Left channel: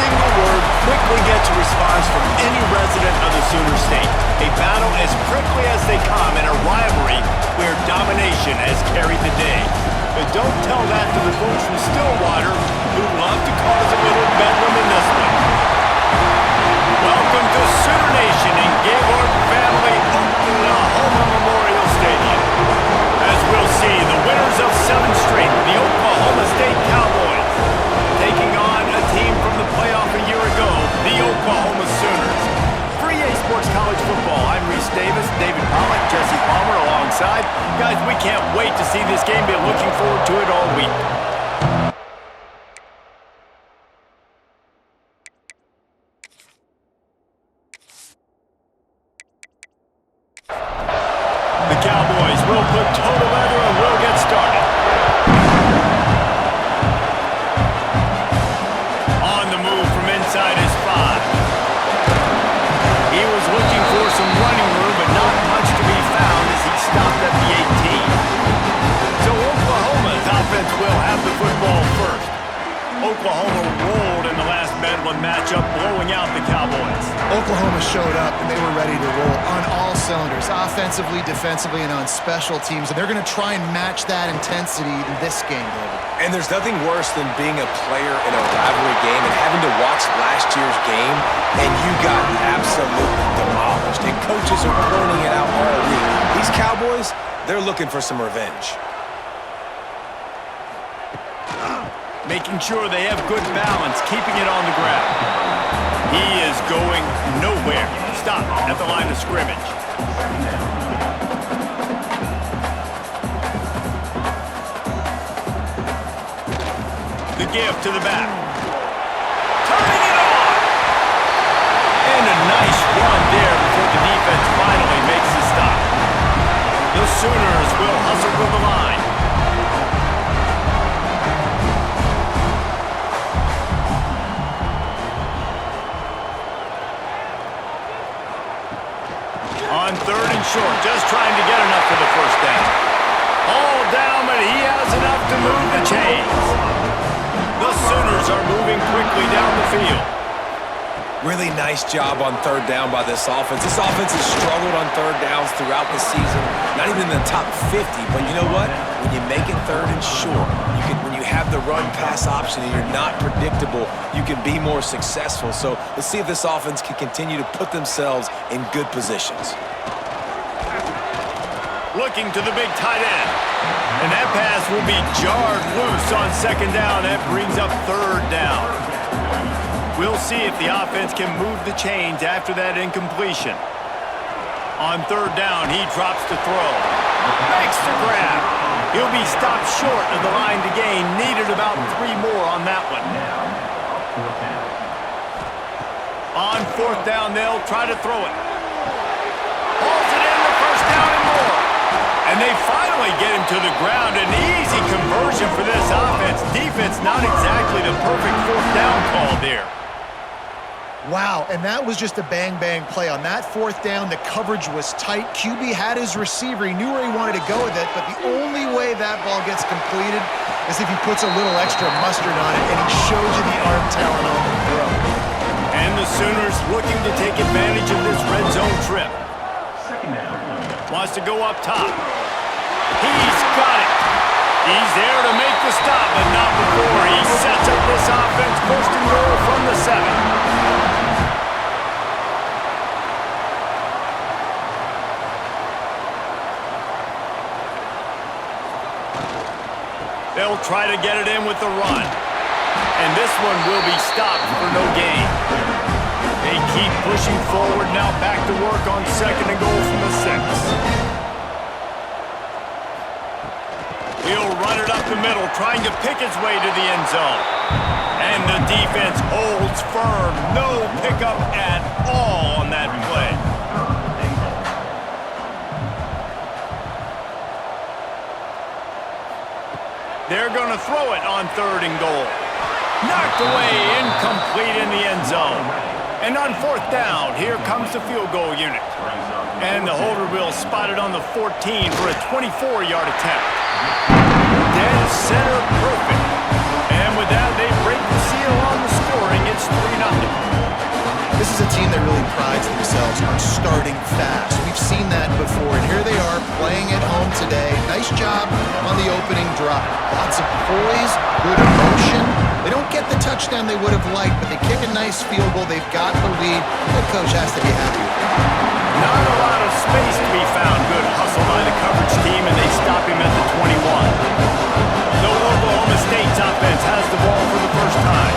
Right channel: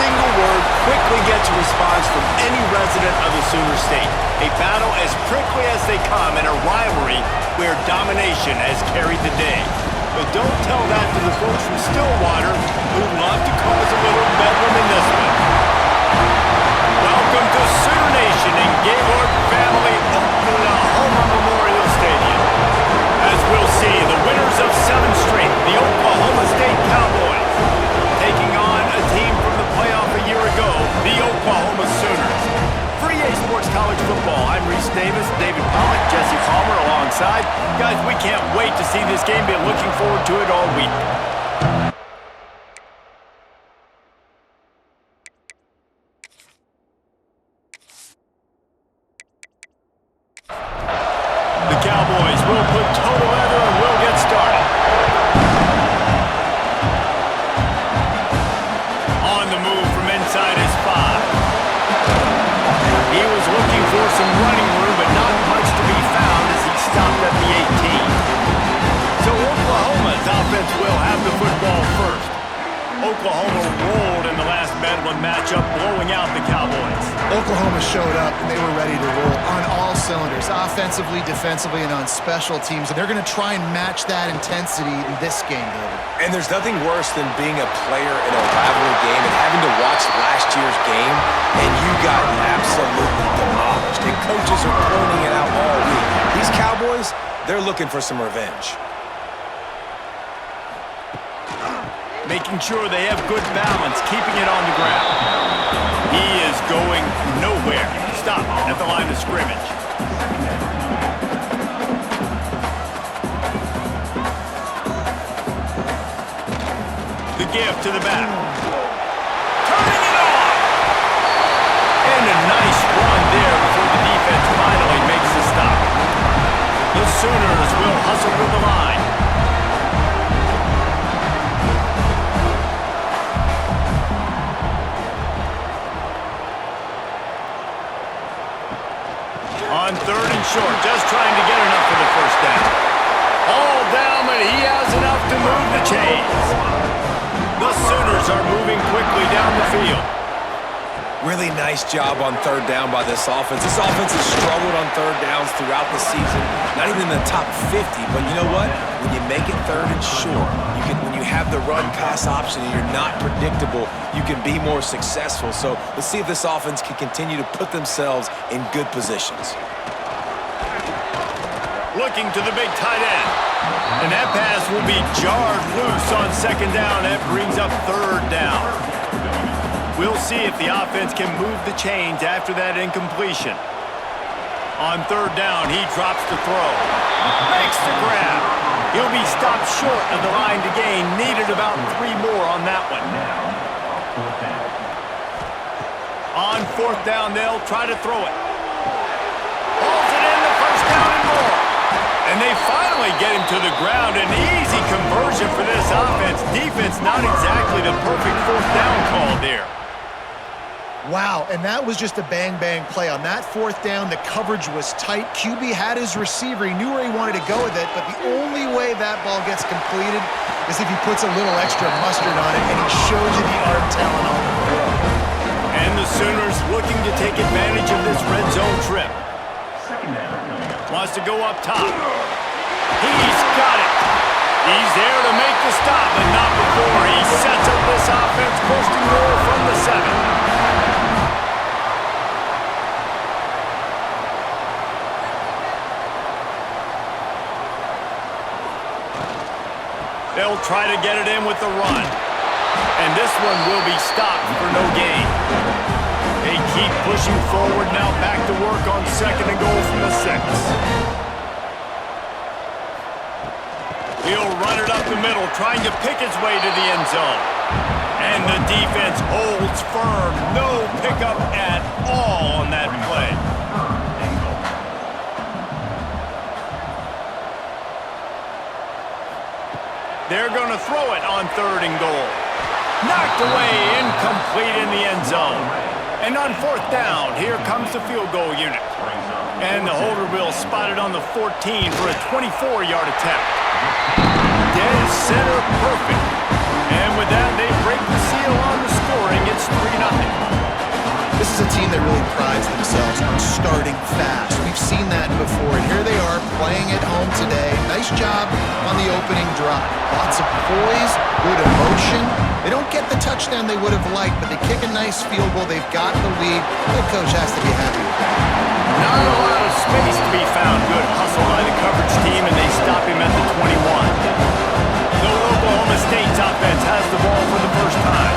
single word quickly gets a response from any resident of the Sooner State. A battle as prickly as they come in a rivalry where domination has carried the day. But don't tell that to the folks from Stillwater who love to cause a little bedlam in this one. Welcome to Sooner Nation in Gaylord Family Oklahoma Memorial Stadium. As we'll see, the winners of 7 straight, the Oklahoma State Cowboys, taking on a team from the playoff a year ago, the Oklahoma Sooners. For EA Sports College Football, I'm Reese Davis, David Pollock, Jesse Palmer alongside. Guys, we can't wait to see this game. Been looking forward to it all week. The Cowboys will put toe together and will get started. On the move from inside his 5. He was looking for some running room, but not much to be found as he stopped at the 18. So Oklahoma's offense will have the football first. Oklahoma rolled in the last Bedlam matchup, blowing out the Cowboys. Oklahoma showed up, and they were ready to roll on all cylinders, offensively, defensively, and on special teams. And they're going to try and match that intensity in this game, David. And there's nothing worse than being a player in a rivalry game and having to watch last year's game, and you got absolutely demolished. And coaches are pointing it out all week. These Cowboys, they're looking for some revenge. Making sure they have good balance, keeping it on the ground. He is going nowhere. Stop at the line of scrimmage. The give to the back. Turning it on! And a nice run there before the defense finally makes the stop. The Sooners will hustle to the line. On 3rd and short, just trying to get enough for the first down. All down, but he has enough to move the chains. The Sooners are moving quickly down the field. Really nice job on 3rd down by this offense. This offense has struggled on 3rd downs throughout the season. Not even in the top 50, but you know what? When you make it 3rd and short, when you have the run-pass option and you're not predictable, you can be more successful. So let's see if this offense can continue to put themselves in good positions. Looking to the big tight end. And that pass will be jarred loose on 2nd down. That brings up 3rd down. We'll see if the offense can move the chains after that incompletion. On 3rd down, he drops to throw. Makes the grab. He'll be stopped short of the line to gain. Needed about 3 more on that one. On 4th down, they'll try to throw it. Hauls it in, the 1st down and more. And they finally get him to the ground. An easy conversion for this offense. Defense not exactly the perfect 4th down call there. Wow, and that was just a bang-bang play. On that 4th down, the coverage was tight. QB had his receiver. He knew where he wanted to go with it, but the only way that ball gets completed is if he puts a little extra mustard on it, and he shows you the arm talent on the throw. And the Sooners looking to take advantage of this red zone trip. Wants to go up top. He's got it. He's there to make the stop, but not before he sets up this offense first and goal from the 7. They'll try to get it in with the run. And this one will be stopped for no gain. They keep pushing forward, now back to work on 2nd and goal from the 6. He'll run it up the middle, trying to pick his way to the end zone. And the defense holds firm. No pickup at all on that play. They're going to throw it on 3rd and goal. Knocked away, incomplete in the end zone. And on 4th down, here comes the field goal unit. And the holder will spot it on the 14 for a 24-yard attempt. Dead center perfect. And with that, they break the seal on the scoring. It's 3-0. team that really prides themselves on starting fast. We've seen that before, and here they are playing at home today. Nice job on the opening drive. Lots of poise, good emotion. They don't get the touchdown they would have liked, but they kick a nice field goal. They've got the lead. Head coach has to be happy with that. Not a lot of space to be found. Good hustle by the coverage team, and they stop him at the 21. So Oklahoma State's offense has the ball for the first time.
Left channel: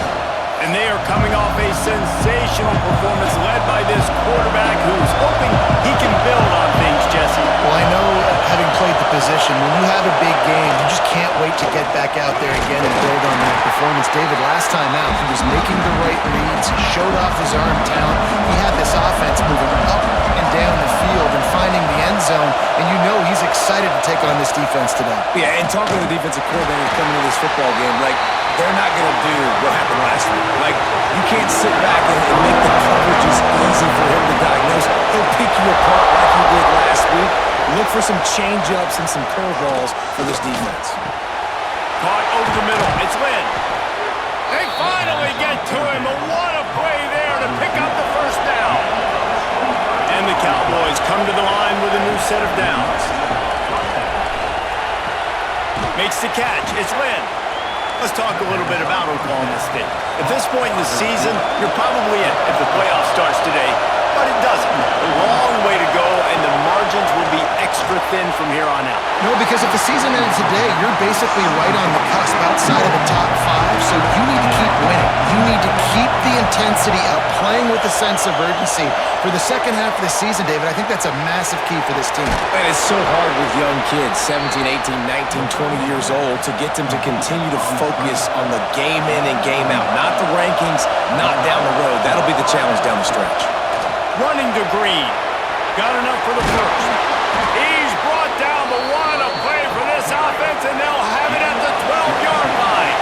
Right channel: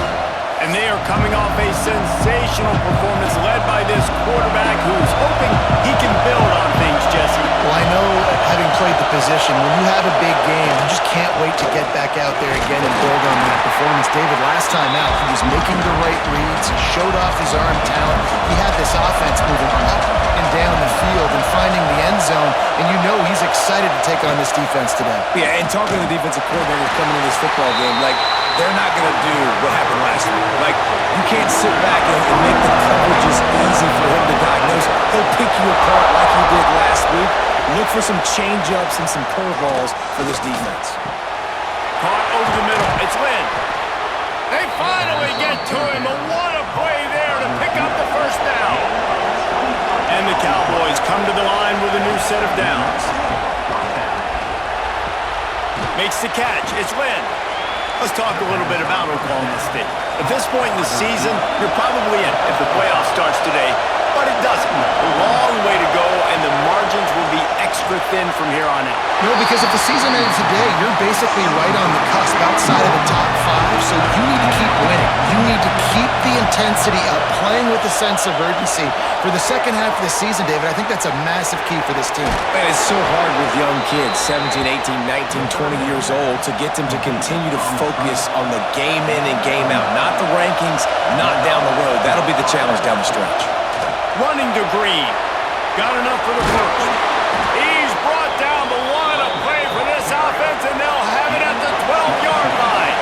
And they are coming off a sensational performance led by this quarterback who's hoping he can build on things, Jesse. Well, I know, having played the position, when you have a big game, you just can't wait to get back out there again and build on that performance. David, last time out, he was making the right reads. He showed off his arm talent. He had this offense moving up and down the field and finding the end zone, and you know he's excited to take on this defense today. Yeah, and talking to the defensive coordinator coming into this football game, like, they're not going to do what happened last week. Like, you can't sit back and make the coverages easy for him to diagnose. He'll pick you apart like he did last week. Look for some change-ups and some curveballs for this defense. Caught over the middle. It's Lynn. They finally get to him. What a play there to pick up the first down. And the Cowboys come to the line with a new set of downs. Makes the catch. It's Lynn. Let's talk a little bit about Oklahoma State. At this point in the season, you're probably in if the playoff starts today, but it doesn't. A long way to go, and the margins will be extra thin from here on out. No, because if the season ended today, you're basically right on the cusp outside of the top 5, so you need to keep winning. You need to keep the intensity up, playing with a sense of urgency. For the second half of the season, David, I think that's a massive key for this team. And it's so hard with young kids, 17, 18, 19, 20 years old, to get them to continue to focus on the game in and game out. Not the rankings, not down the road. That'll be the challenge down the stretch. Running to Green. Got enough for the first. He's brought down the line of play for this offense, and they'll have it at the 12-yard line.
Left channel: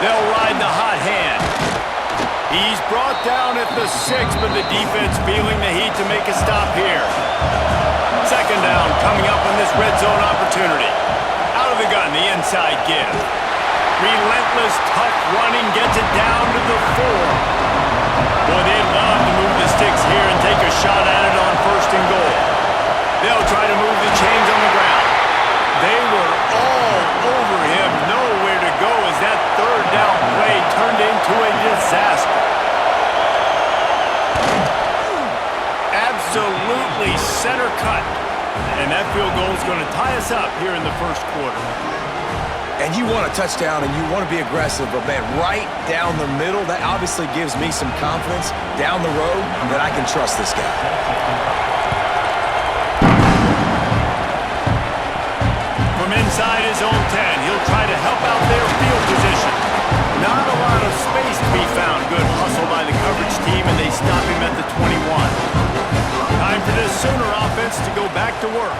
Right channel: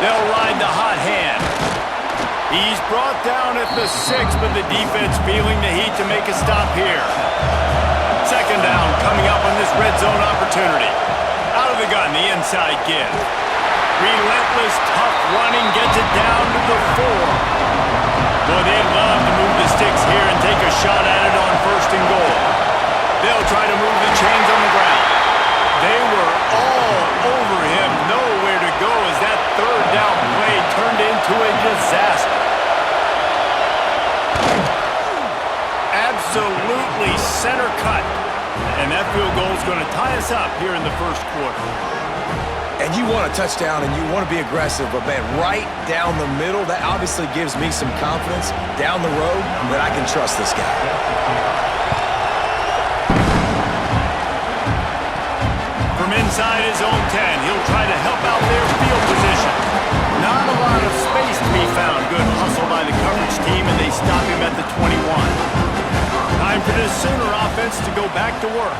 They'll ride the hot hand. He's brought down at the 6, but the defense feeling the heat to make a stop here. Second down coming up on this red zone opportunity. Out of the gun, the inside give. Relentless, tough running gets it down to the 4. Boy, they'd love to move the sticks here and take a shot at it on first and goal. They'll try to move the chains on the ground. They were all over him, nowhere to go as that third down play turned into a disaster. Absolutely center cut. And that field goal is going to tie us up here in the first quarter. And you want a touchdown and you want to be aggressive, but man, right down the middle, that obviously gives me some confidence down the road that I can trust this guy. From inside his own 10, he'll try to help out their field position. Not a lot of space to be found. Good hustle by the coverage team, and they stop him at the 21. Time for this Sooner offense to go back to work.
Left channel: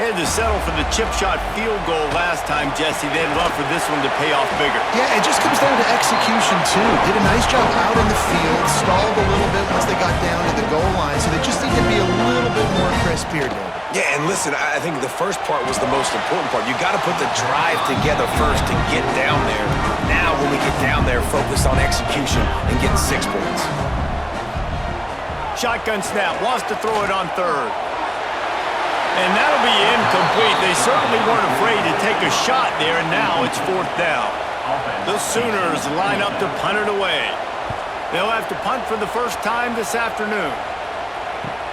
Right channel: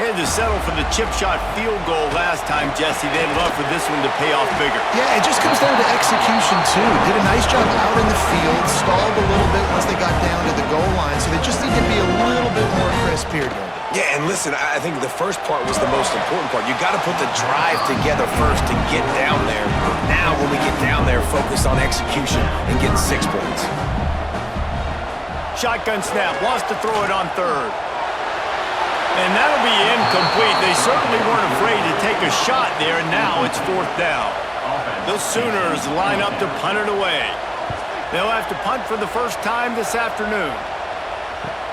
They had to settle for the chip shot field goal last time, Jesse. They'd love for this one to pay off bigger. Yeah, it just comes down to execution, too. Did a nice job out in the field, stalled a little bit once they got down to the goal line, so they just need to be a little bit more crisp here, David. Yeah, and listen, I think the first part was the most important part. You got to put the drive together first to get down there. Now, when we get down there, focus on execution and getting 6 points. Shotgun snap, wants to throw it on third. And that'll be incomplete. They certainly weren't afraid to take a shot there, and now it's 4th down. The Sooners line up to punt it away. They'll have to punt for the first time this afternoon.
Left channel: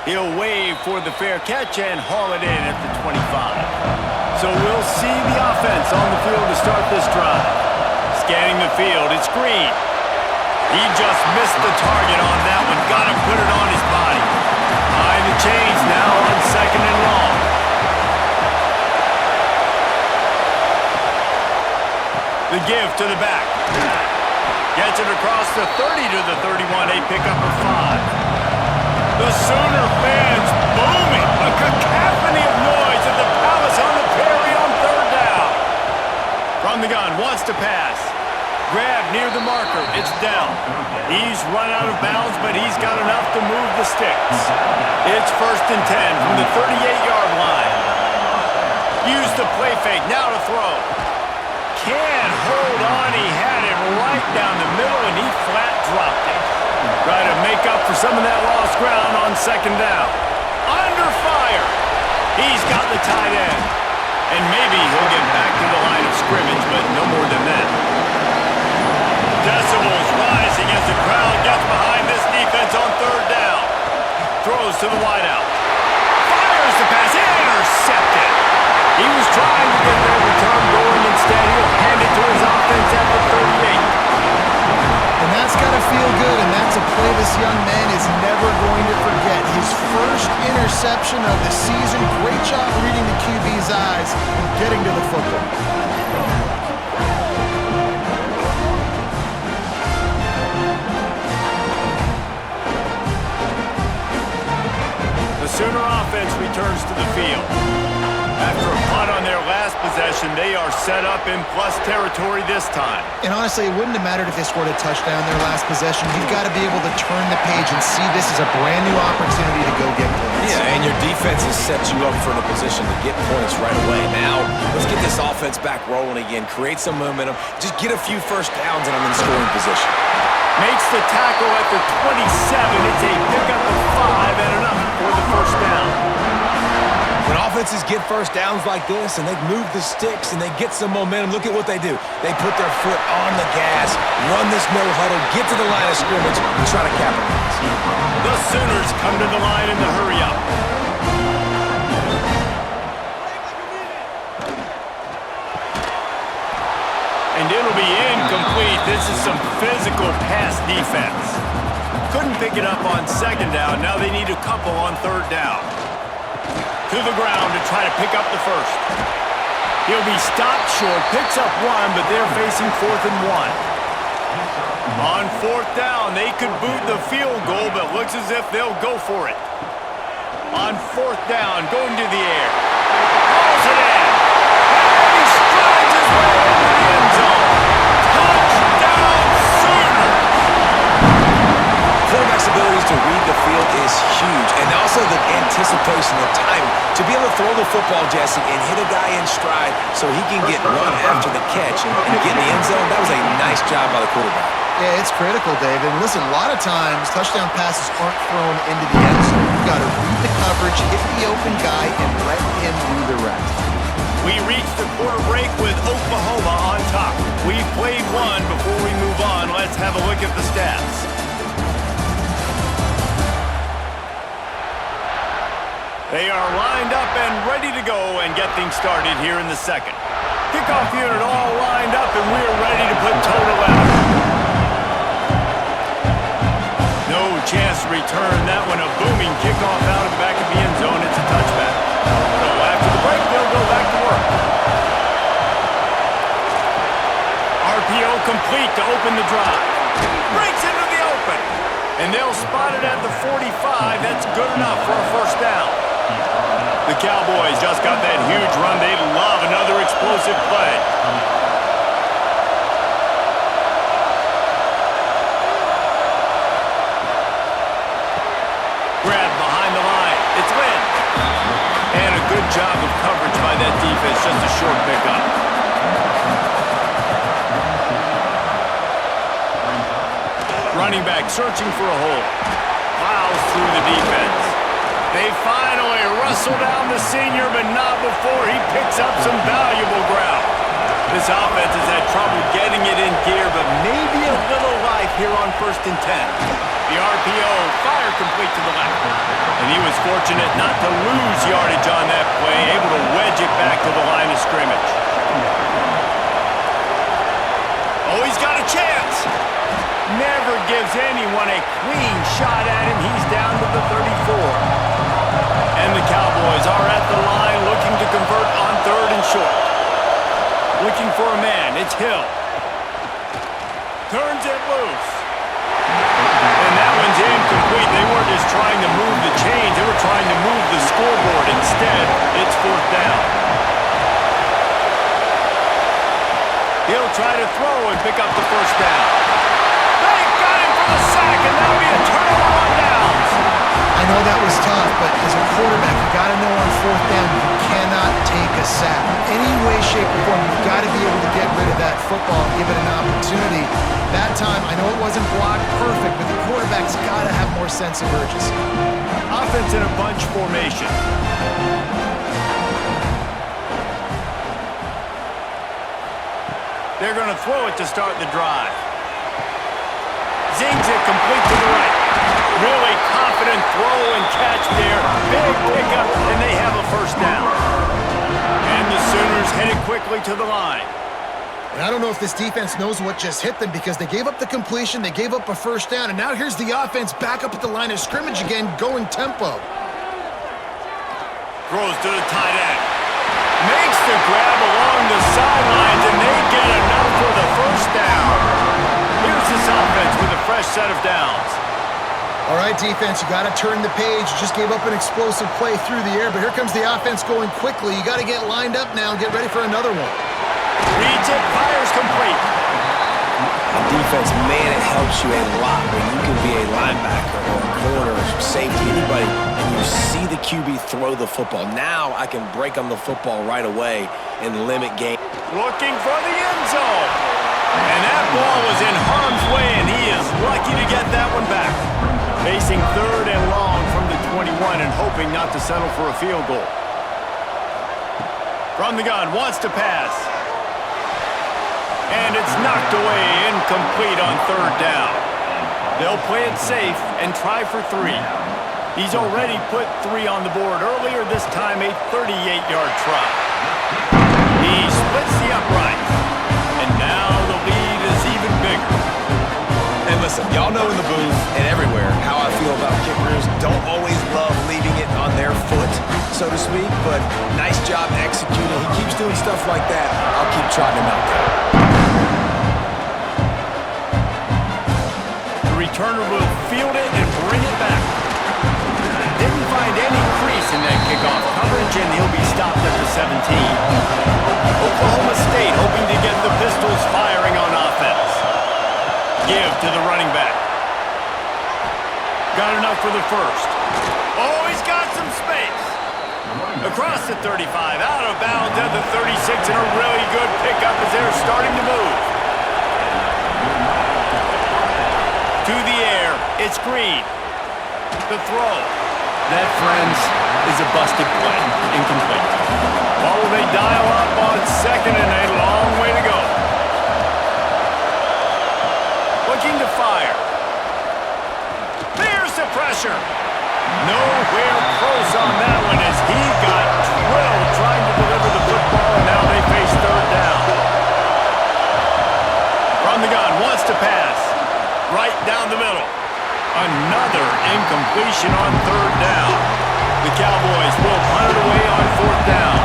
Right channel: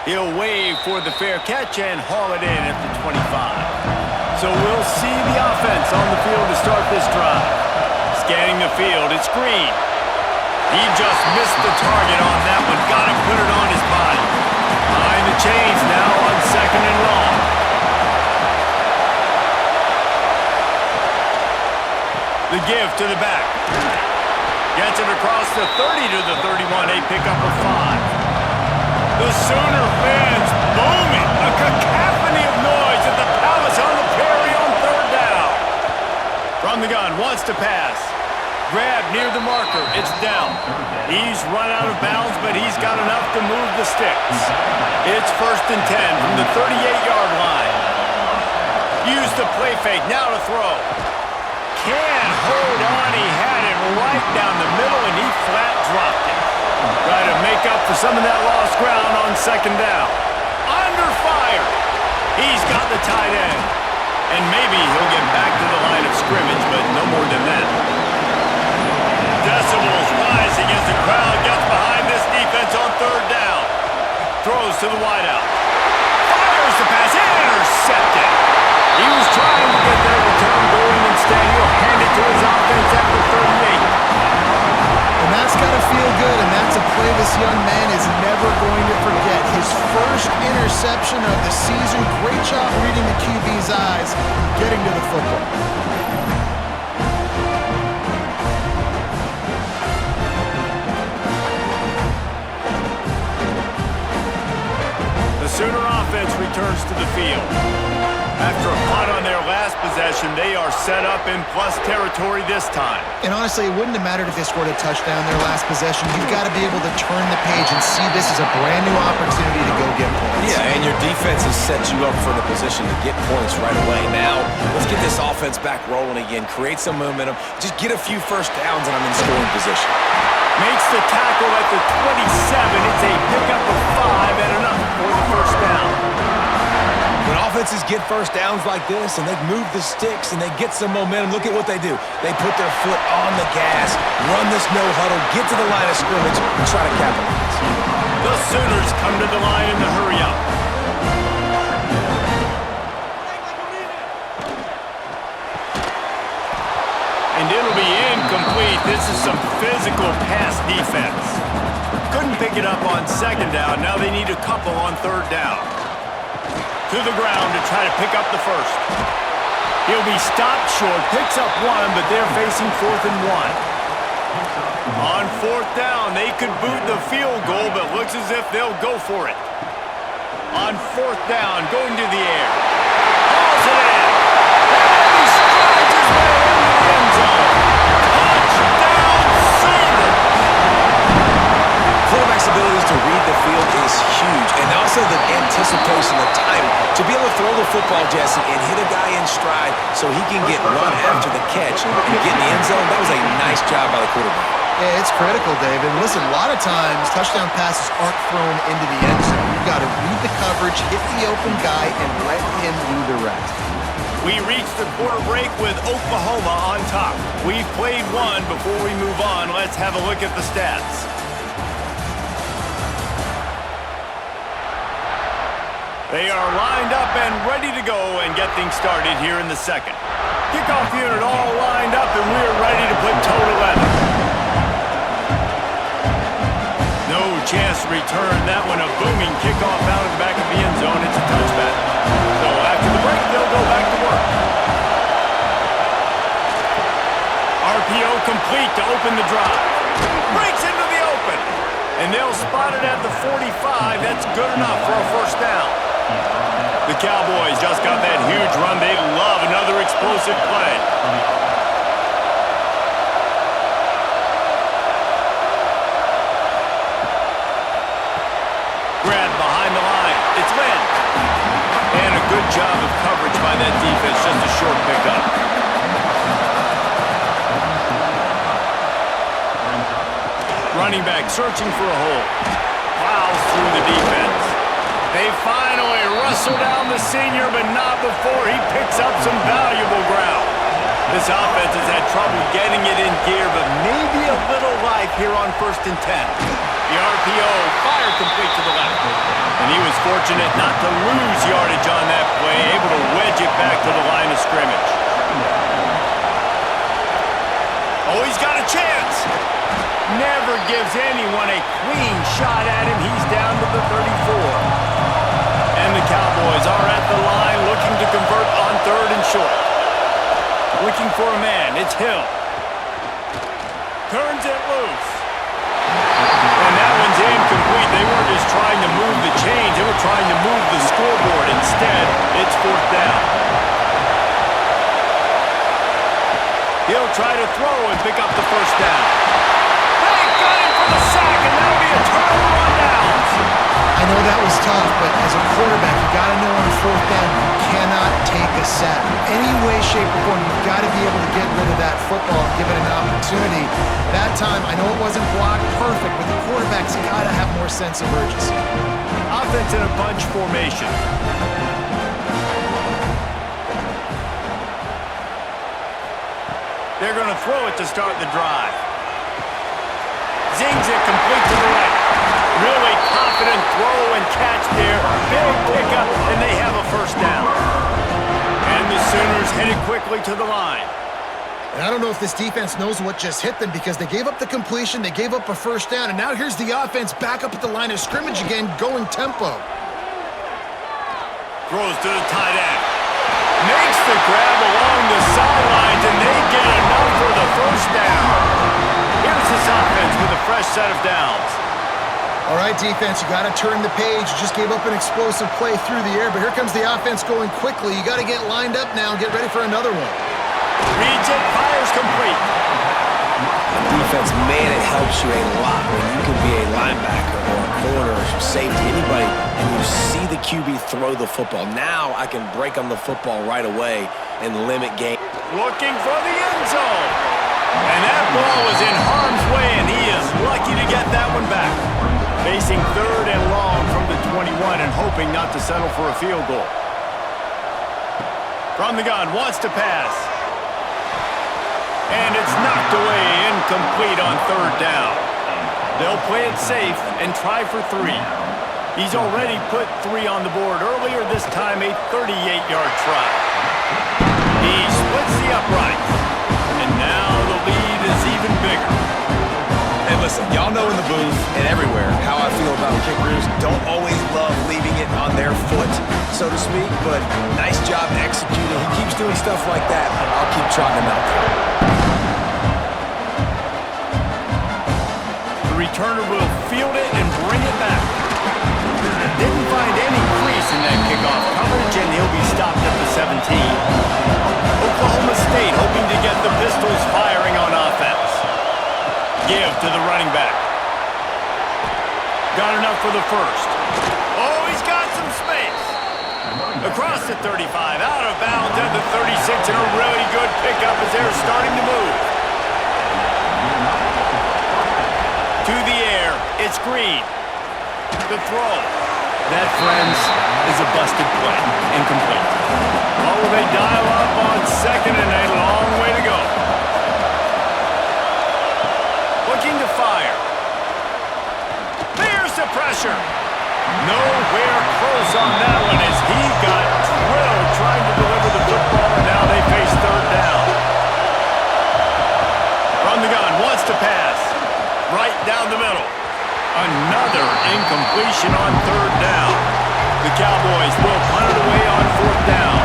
He'll wave for the fair catch and haul it in at the 25. So we'll see the offense on the field to start this drive. Scanning the field, it's Green. He just missed the target on that one. Got to put it on his body. Behind the chains now on 2nd and long. The give to the back. Gets it across the 30 to the 31. A pickup of 5. The Sooner fans booming. A cacophony of noise at the Palace on the Prairie on 3rd down. From the gun, wants to pass. Grab near the marker. It's down. He's run out of bounds, but he's got enough to move the sticks. It's 1st and 10 from the 38-yard line. Use the play fake. Now to throw. can't hold on. He had it right down the middle, and he flat dropped it. Try to make up for some of that lost ground on second down. Under fire. He's got the tight end. And maybe he'll get back to the line of scrimmage, but no more than that. Decibels rising as the crowd gets behind this defense on third down. Throws to the wideout. Fires the pass. Intercepted. He was trying to get that return going. Instead, he'll hand it to his offense at the 38. And that's got to feel good, and that's a play this young man is never going to forget. His first interception of the season. Great job reading the QB's eyes and getting to the football. The Sooner offense returns to the field. After a punt on their last possession, they are set up in plus territory this time. And honestly, it wouldn't have mattered if they scored a touchdown their last possession. You've got to be able to turn the page and see this as a brand new opportunity to go get points. Yeah, and your defense has set you up for the position to get points right away. Now, let's get this offense back rolling again, create some momentum, just get a few first downs, and I'm in scoring position. Makes the tackle at the 27. It's a pickup of 5 and enough for the first down. When offenses get first downs like this and they move the sticks and they get some momentum, look at what they do. They put their foot on the gas, run this no huddle, get to the line of scrimmage, and try to capitalize. The Sooners come to the line in the hurry up. And it'll be incomplete. This is some physical pass defense. Couldn't pick it up on second down. Now they need a couple on third down. To the ground to try to pick up the first. He'll be stopped short, picks up 1, but they're facing 4th and 1. On 4th down, they could boot the field goal, but looks as if they'll go for it. On 4th down, going to the air. Hauls it in. And he strides his way into the end zone. Touchdown, Sooners! Quarterback's abilities to read the field is huge, and also the anticipation, the timing. To be able to throw the football, Jesse, and hit a guy in stride so he can get run after the catch and get in the end zone, that was a nice job by the quarterback. Yeah, it's critical, David. Listen, a lot of times touchdown passes aren't thrown into the end zone. You've got to read the coverage, hit the open guy, and let him do the rest. We reached the quarter break with Oklahoma on top. We've played one. Before we move on, let's have a look at the stats. They are lined up and ready to go and get things started here in the second. Kickoff unit all lined up, and we're ready to put toe to leather. No chance to return that one. A booming kickoff out of the back of the end zone. It's a touchback. So after the break, they'll go back to work. RPO complete to open the drive. Breaks into the open. And they'll spot it at the 45. That's good enough for a first down. The Cowboys just got that huge run. They love another explosive play. Grab behind the line. It's Lynn. And a good job of coverage by that defense. Just a short pickup. Running back searching for a hole. Plows through the defense. They finally wrestle down the senior, but not before he picks up some valuable ground. This offense has had trouble getting it in gear, but maybe a little life here on 1st and 10. The RPO fire complete to the left. And he was fortunate not to lose yardage on that play, able to wedge it back to the line of scrimmage. Oh, he's got a chance. Never gives anyone a clean shot at him. He's down to the 34. And the Cowboys are at the line looking to convert on 3rd and short. Looking for a man. It's Hill. Turns it loose. And that one's incomplete. They weren't just trying to move the chains. They were trying to move the scoreboard. Instead, it's 4th down. He'll try to throw and pick up the first down. They got him for the sack, and that'll be a turnover on downs. I know that was tough, but as a quarterback, you got to know on fourth down, you cannot take a sack. Any way, shape, or form, you've got to be able to get rid of that football and give it an opportunity. That time, I know it wasn't blocked perfect, but the quarterback's got to have more sense of urgency. Offense in a bunch formation. They're going to throw it to start the drive. Zings it complete to the right. Really confident throw and catch there. Big pickup, and they have a first down. And the Sooners headed quickly to the line. And I don't know if this defense knows what just hit them because they gave up the completion, they gave up a first down, and now here's the offense back up at the line of scrimmage again, going tempo. Throws to the tight end. Makes the grab along the sidelines, and they get enough for the first down. Here's this offense with a fresh set of downs. All right, defense, you got to turn the page. You just gave up an explosive play through the air, but here comes the offense going quickly. You got to get lined up now and get ready for another one. Reads it, fires complete. On defense, man, it helps you a lot when you can be a linebacker or a corner or safety, anybody, and you see the QB throw the football. Now I can break on the football right away and limit game. Looking for the end zone. And that ball was in harm's way, and he is lucky to get that one back. Facing third and long from the 21 and hoping not to settle for a field goal. From the gun, wants to pass. And it's knocked away, incomplete on third down. They'll play it safe and try for 3. He's already put 3 on the board earlier, this time a 38-yard try. He splits the uprights, and now the lead is even bigger. And listen, y'all know in the booth and everywhere how I feel about kickers. Don't always love leaving it on their foot, so to speak, but nice job executing. He keeps doing stuff like that. I'll keep trotting him out there. The returner will field it and bring it back. Didn't find any crease in that kickoff coverage, and he'll be stopped at the 17. Oklahoma State hoping to get the Pistols firing on offense. Give to the running back. Got enough for the first. Oh, he's got some space. Across the 35, out of bounds at the 36, and a really good pickup as they're starting to move. To the air, it's Green. The throw. That, friends, is a busted play. Incomplete. Well, will they dial up on second and a long way to go? Looking to fire. There's the pressure. Nowhere close on that one as he got drilled trying to deliver the football, and now they face third down. From the gun, wants to pass. Right down the middle. Another incompletion on third down. The Cowboys will punt it away on fourth down.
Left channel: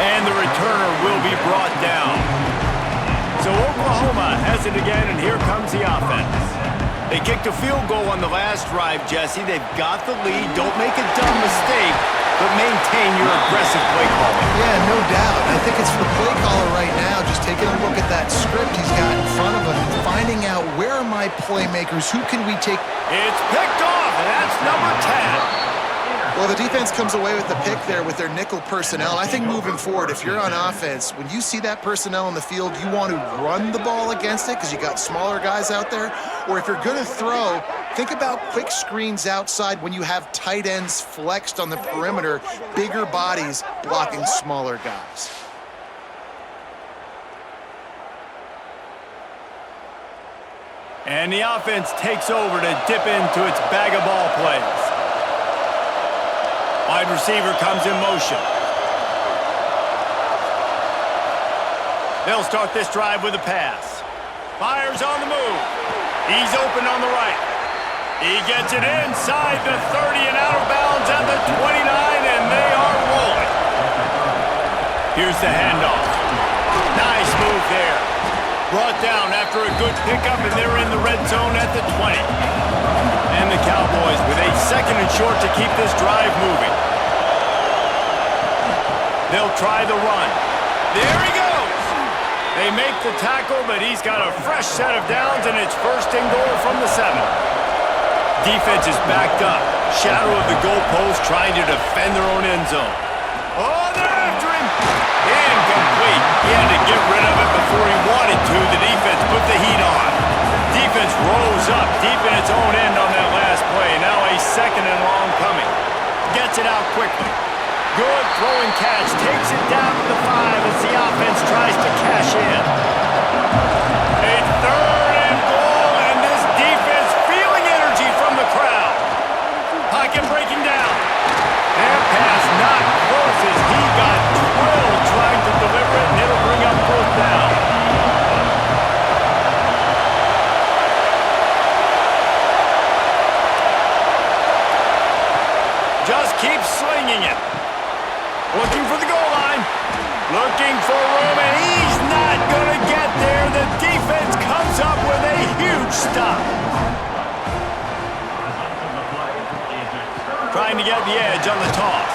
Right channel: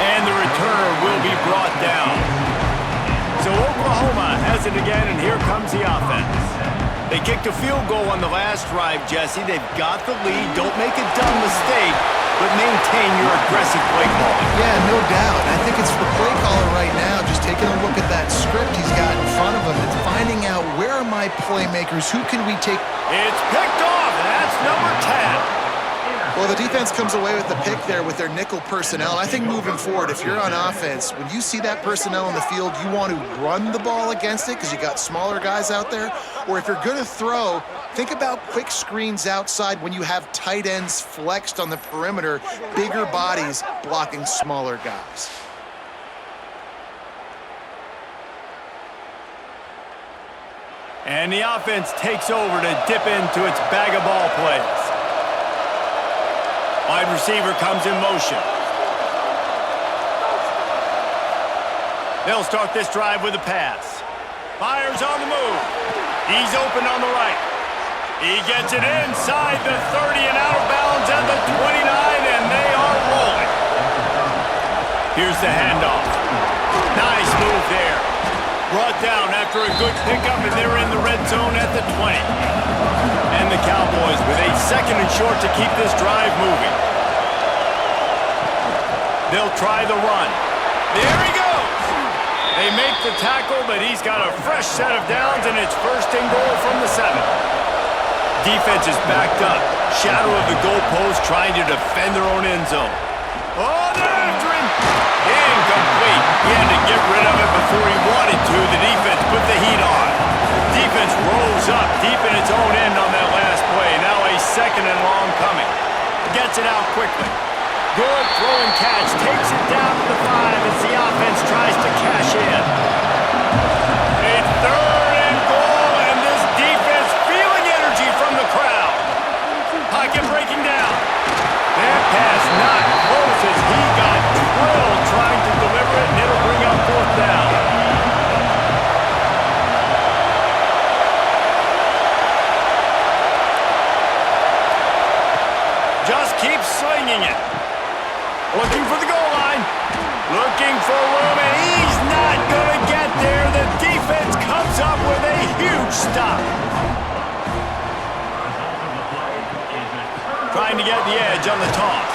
And the returner will be brought down. So Oklahoma has it again, and here comes the offense. They kicked a field goal on the last drive, Jesse. They've got the lead. Don't make a dumb mistake, but maintain your aggressive play calling. Yeah, no doubt. I think it's the play caller right now just taking a look at that script he's got in front of him and finding out where are my playmakers, who can we take. It's picked off, and that's number 10. Well, the defense comes away with the pick there with their nickel personnel. I think moving forward, if you're on offense, when you see that personnel in the field, you want to run the ball against it because you got smaller guys out there. Or if you're going to throw, think about quick screens outside when you have tight ends flexed on the perimeter, bigger bodies blocking smaller guys. And the offense takes over to dip into its bag of ball plays. Wide receiver comes in motion. They'll start this drive with a pass. Fires on the move. He's open on the right. He gets it inside the 30 and out of bounds at the 29, and they are rolling. Here's the handoff. Nice move there. Brought down after a good pickup, and they're in the red zone at the 20. And the Cowboys with a second and short to keep this drive moving. They'll try the run. There he goes. They make the tackle, but he's got a fresh set of downs, and it's first and goal from the 7. Defense is backed up. Shadow of the goalpost trying to defend their own end zone. Oh, they're after him. Incomplete. He had to get rid of it before he wanted to. The defense put the heat on. Defense rose up deep in its own end on that last play. Now a 2nd and long coming. Gets it out quickly. Good throwing catch. Takes it down to the 5 as the offense tries to cash in. A 3rd and goal, and this defense feeling energy from the crowd. Pocket breaking down. That pass not close as he got drilled trying to deliver it, and it'll bring up 4th down. Just keep slinging it. Looking for the goal line. Looking for room, and he's not going to get there. The defense comes up with a huge stop. Trying to get the edge on the toss.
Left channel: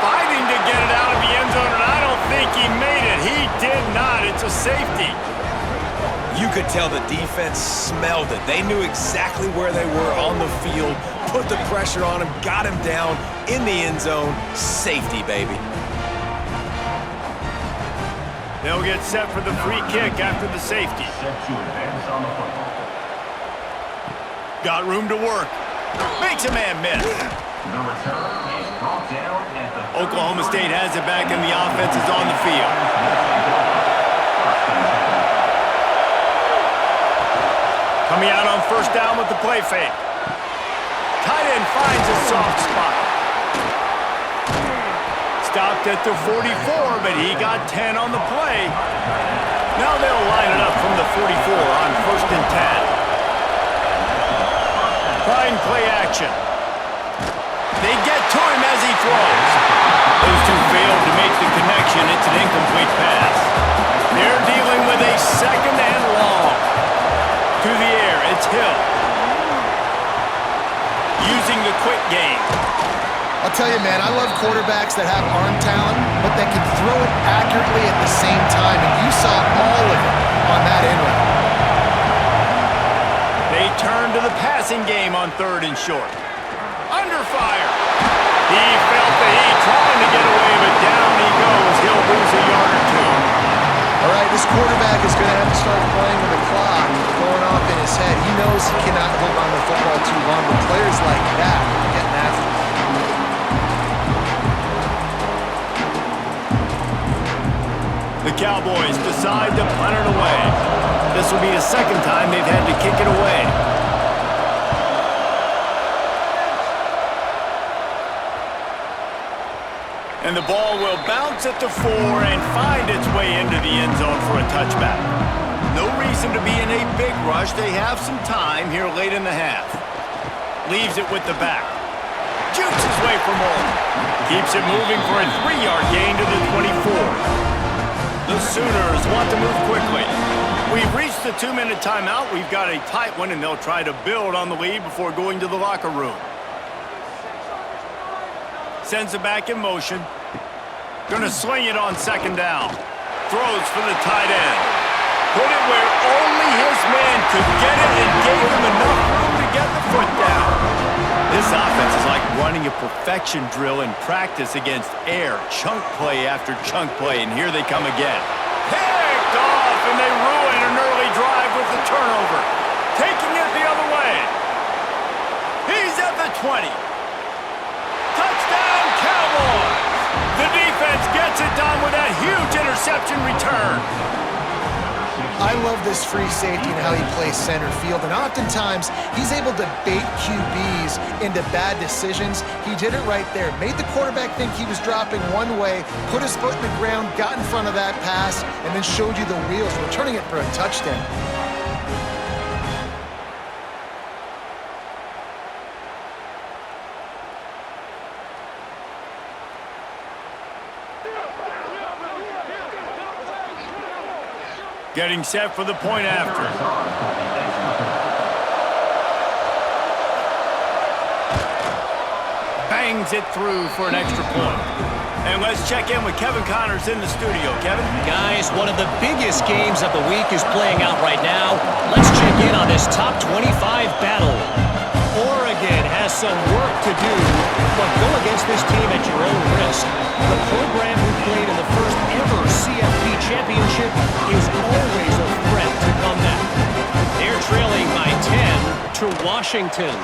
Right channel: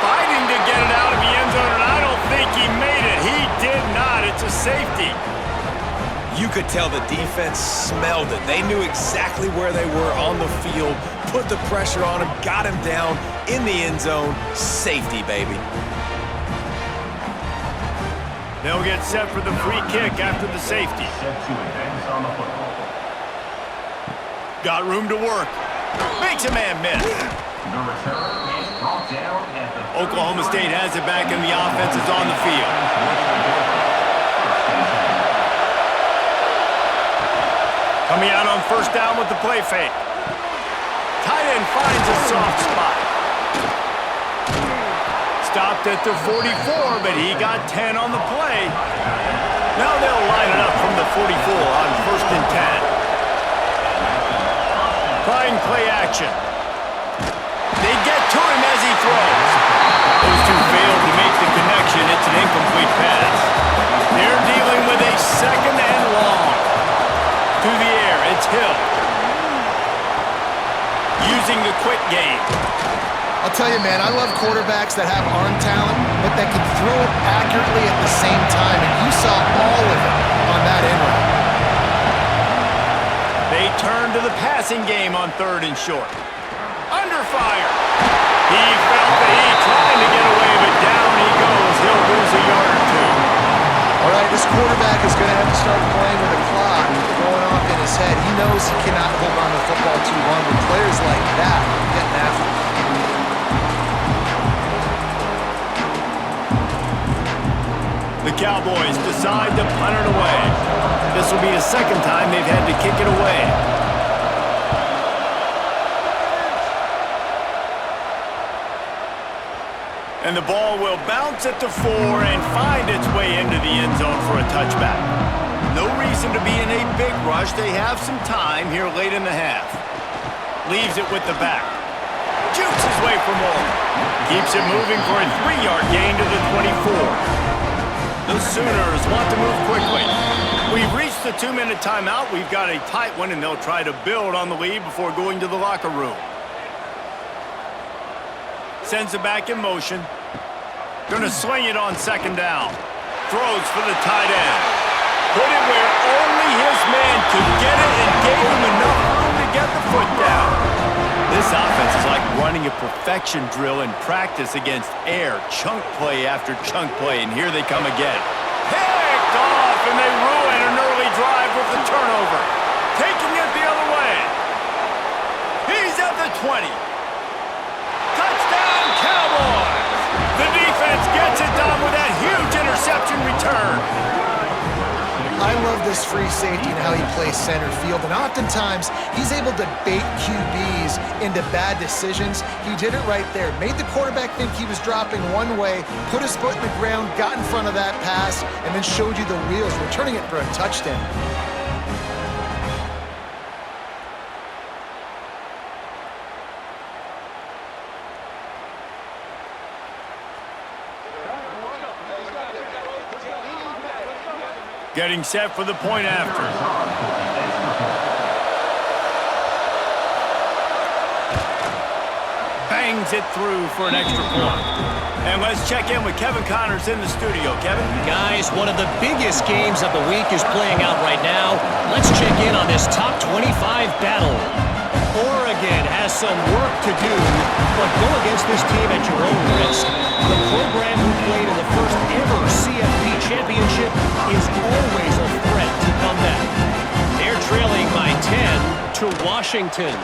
Fighting to get it out of the end zone, and I don't think he made it. He did not. It's a safety. You could tell the defense smelled it. They knew exactly where they were on the field, put the pressure on him, got him down in the end zone. Safety, baby. They'll get set for the free kick after the safety. Got room to work. Makes a man miss. The return is brought down at the... Oklahoma State has it back, and the offense is on the field. Coming out on 1st down with the play fake. Tight end finds a soft spot. Stopped at the 44, but he got 10 on the play. Now they'll line it up from the 44 on 1st and 10. Trying play action. They get to him as he throws. Those two failed to make the connection. It's an incomplete pass. They're dealing with a 2nd and long. To the air, it's Hill. Using the quick game. I'll tell you, man, I love quarterbacks that have arm talent, but that can throw it accurately at the same time, and you saw all of it on that end route. They turn to the passing game on 3rd and short. Under fire. He felt the heat trying to get away, but down he goes. He'll lose a yard or 2. All right, this quarterback is going to have to start playing with a clock going off in his head. He knows he cannot hold on to the football too long, but players like that are getting after him. The Cowboys decide to punt it away. This will be the 2nd time they've had to kick it away. And the ball will bounce at the 4 and find its way into the end zone for a touchback. No reason to be in a big rush. They have some time here late in the half. Leaves it with the back. Jukes his way for more. Keeps it moving for a 3-yard gain to the 24. The Sooners want to move quickly. We've reached the 2-minute timeout. We've got a tight one, and they'll try to build on the lead before going to the locker room. Sends it back in motion. Gonna sling it on 2nd down. Throws for the tight end. Put it where only his man could get it and gave him enough room to get the foot down. This offense is like running a perfection drill in practice against air. Chunk play after chunk play, and here they come again. Picked off, and they ruin an early drive with the turnover. Taking it the other way. He's at the 20. Touchdown, Cowboys! The defense gets it done with that huge interception return. I love this free safety and how he plays center field, and oftentimes he's able to bait QBs into bad decisions. He did it right there. Made the quarterback think he was dropping one way, put his foot in the ground, got in front of that pass, and then showed you the wheels, returning it for a touchdown. Getting set for the point after. bangs it through for an extra point. And let's check in with Kevin Connors in the studio. Kevin? Guys, one of the biggest games of the week is playing out right now. Let's check in on this top 25 battle. Oregon has some work to do, but go against this team at your own risk. The program who played in the first ever CFP championship is always a threat to come back. They're trailing by 10 to Washington.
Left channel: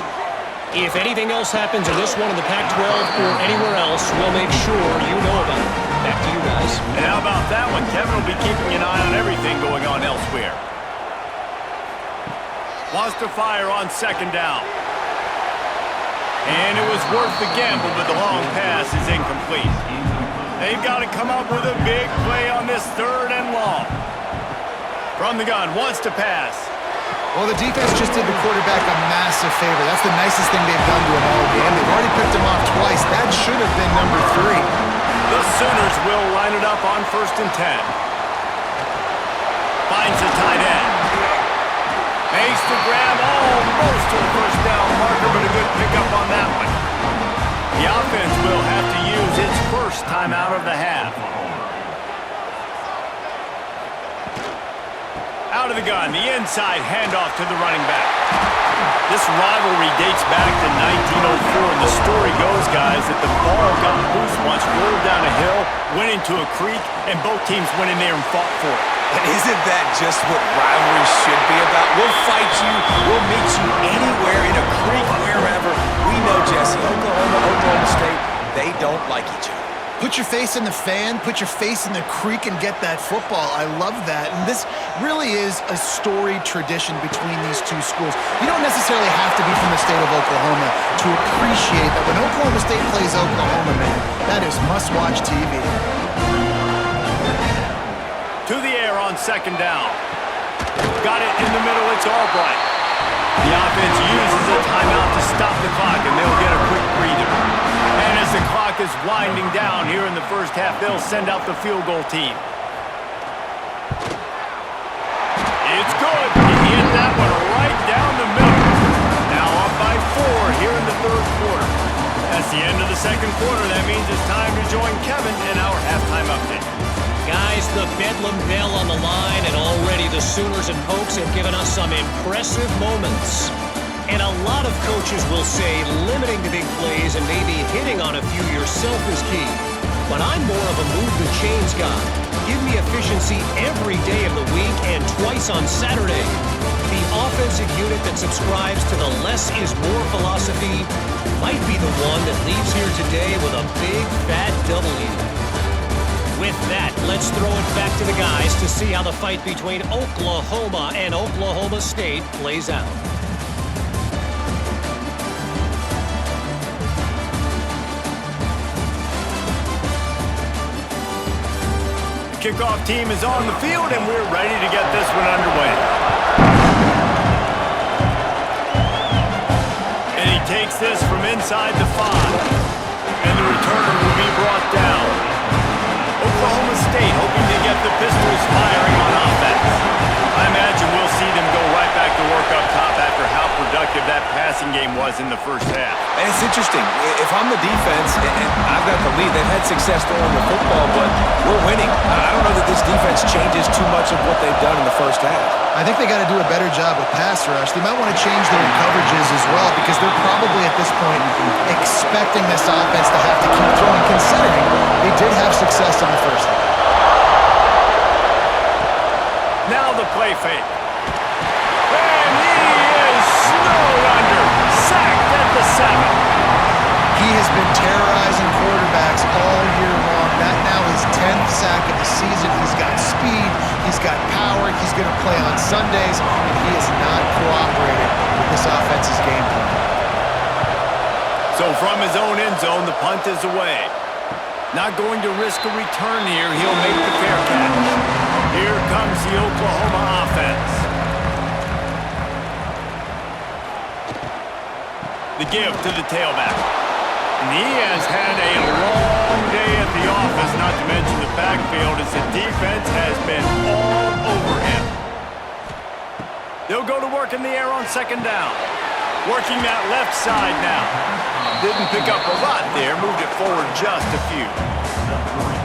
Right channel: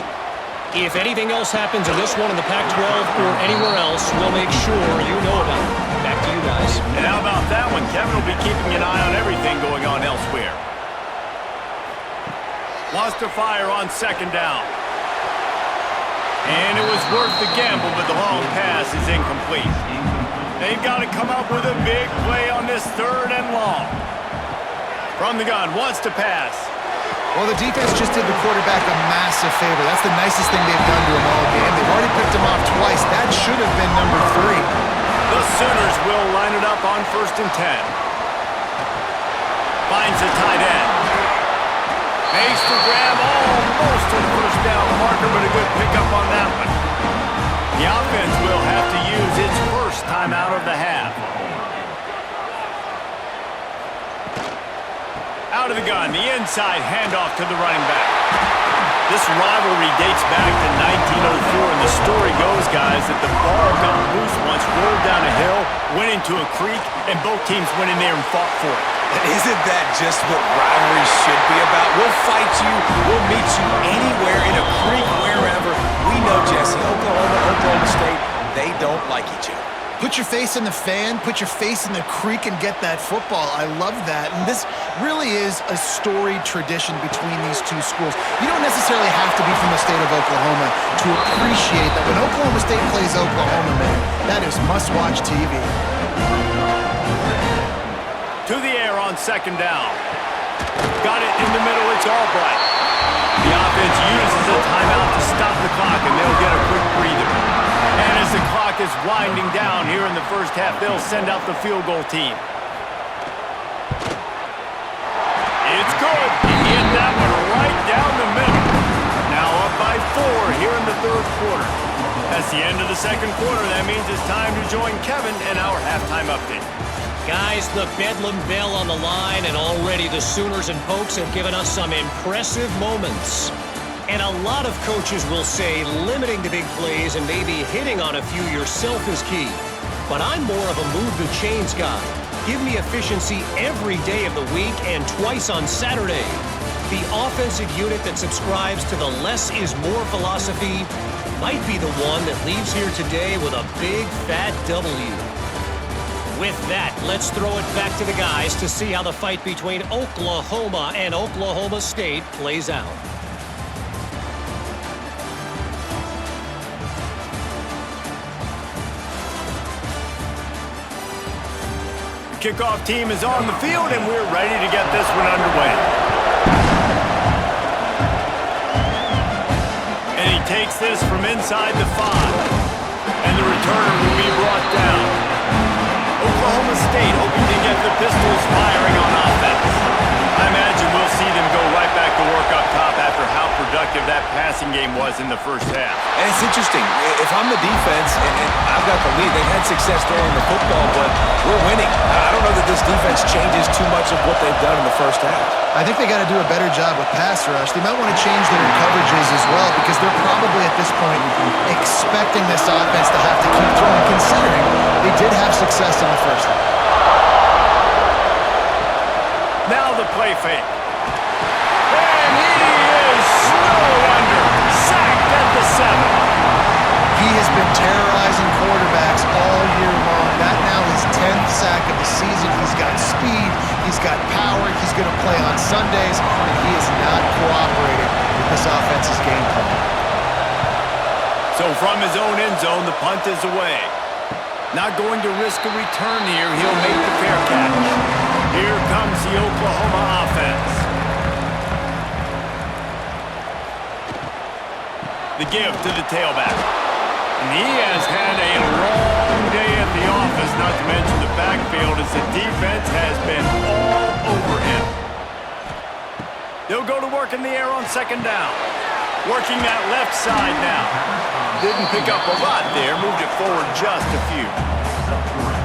If anything else happens in this one in the Pac-12 or anywhere else, we'll make sure you know about it. Back to you guys. And how about that one? Kevin will be keeping an eye on everything going on elsewhere. Wants to fire on second down. And it was worth the gamble, but the long pass is incomplete. They've got to come up with a big play on this third and long. From the gun, wants to pass. Well, the defense just did the quarterback a massive favor. That's the nicest thing they've done to him all game. They've already picked him off twice. That should have been number 3. The Sooners will line it up on 1st and 10. Finds a tight end. Makes the grab almost to the first down marker, but a good pickup on that one. The offense will have to use its first timeout of the half. Out of the gun, the inside handoff to the running back. This rivalry dates back to 1904, and the story goes, guys, that the ball got loose once, rolled down a hill, went into a creek, and both teams went in there and fought for it. And isn't that just what rivalry should be about? We'll fight you. We'll meet you anywhere, in a creek, wherever. We know, Jesse, Oklahoma State, they don't like each other. Put your face in the fan, put your face in the creek and get that football. I love that. And this really is a storied tradition between these two schools. You don't necessarily have to be from the state of Oklahoma to appreciate that when Oklahoma State plays Oklahoma, man, that is must-watch TV. To the air on second down. Got it in the middle, it's Albright. The offense uses a timeout to stop the clock, and they'll get a quick breather. And as the clock is winding down here in the first half, they'll send out the field goal team. It's good. He hit that one right down the middle. Now up by 4 here in the third quarter. That's the end of the second quarter. That means it's time to join Kevin in our halftime update. Guys, the Bedlam bell on the line, and already the Sooners and Pokes have given us some impressive moments. And a lot of coaches will say limiting the big plays and maybe hitting on a few yourself is key. But I'm more of a move the chains guy. Give me efficiency every day of the week and twice on Saturday. The offensive unit that subscribes to the less is more philosophy might be the one that leaves here today with a big fat W. With that, let's throw it back to the guys to see how the fight between Oklahoma and Oklahoma State plays out. The kickoff team is on the field, and we're ready to get this one underway. And he takes this from inside the 5. And the returner will be brought down. Oklahoma State hoping to get the Pistols firing on offense. I imagine we'll see them go right back to work up top after how productive that passing game was in the first half. And it's interesting. If I'm the defense and I've got the lead, they've had success throwing the football, but we're winning. I don't know that this defense changes too much of what they've done in the first half. I think they got to do a better job with pass rush. They might want to change their coverages as well because they're probably at this point expecting this offense to have to keep throwing, considering they did have success in the first half. Now the play fake. And he is snowed under. Sacked at the 7. He has been terrorizing quarterbacks all year long. That now his 10th sack of the season. He's got speed. He's got power. He's going to play on Sundays, and he is not cooperating with this offense's game plan. So from his own end zone, the punt is away. Not going to risk a return here. He'll make the fair catch. Here comes the Oklahoma offense. The give to the tailback. And he has had a long day at the office, not to mention the backfield, as the defense has been all over him. They'll go to work in the air on second down. Working that left side now. didn't pick up a lot there, moved it forward just a few.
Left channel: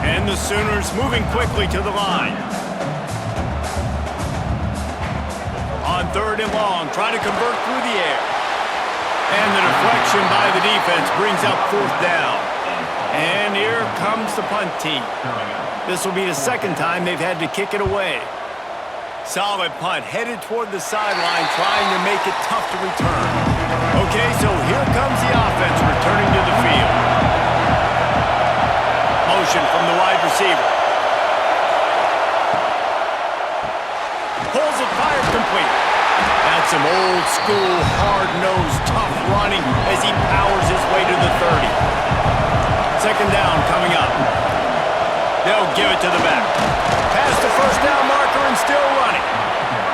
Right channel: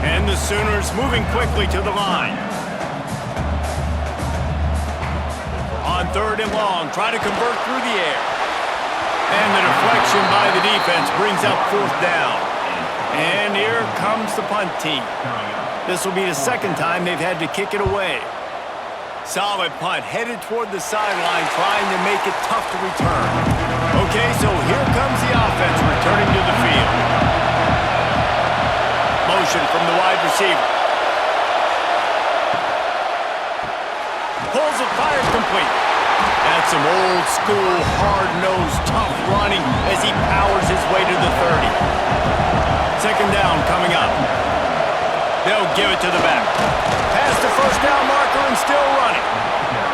And the Sooners moving quickly to the line. On 3rd and long, trying to convert through the air. And the deflection by the defense brings up 4th down. And here comes the punt team. This will be the 2nd time they've had to kick it away. Solid punt, headed toward the sideline, trying to make it tough to return. Okay, so here comes the offense returning to the field. Motion from the wide receiver. Pulls it, fires complete. That's some old school, hard-nosed, tough running as he powers his way to the 30. 2nd down coming up. They'll give it to the back. Past the 1st down marker and still running.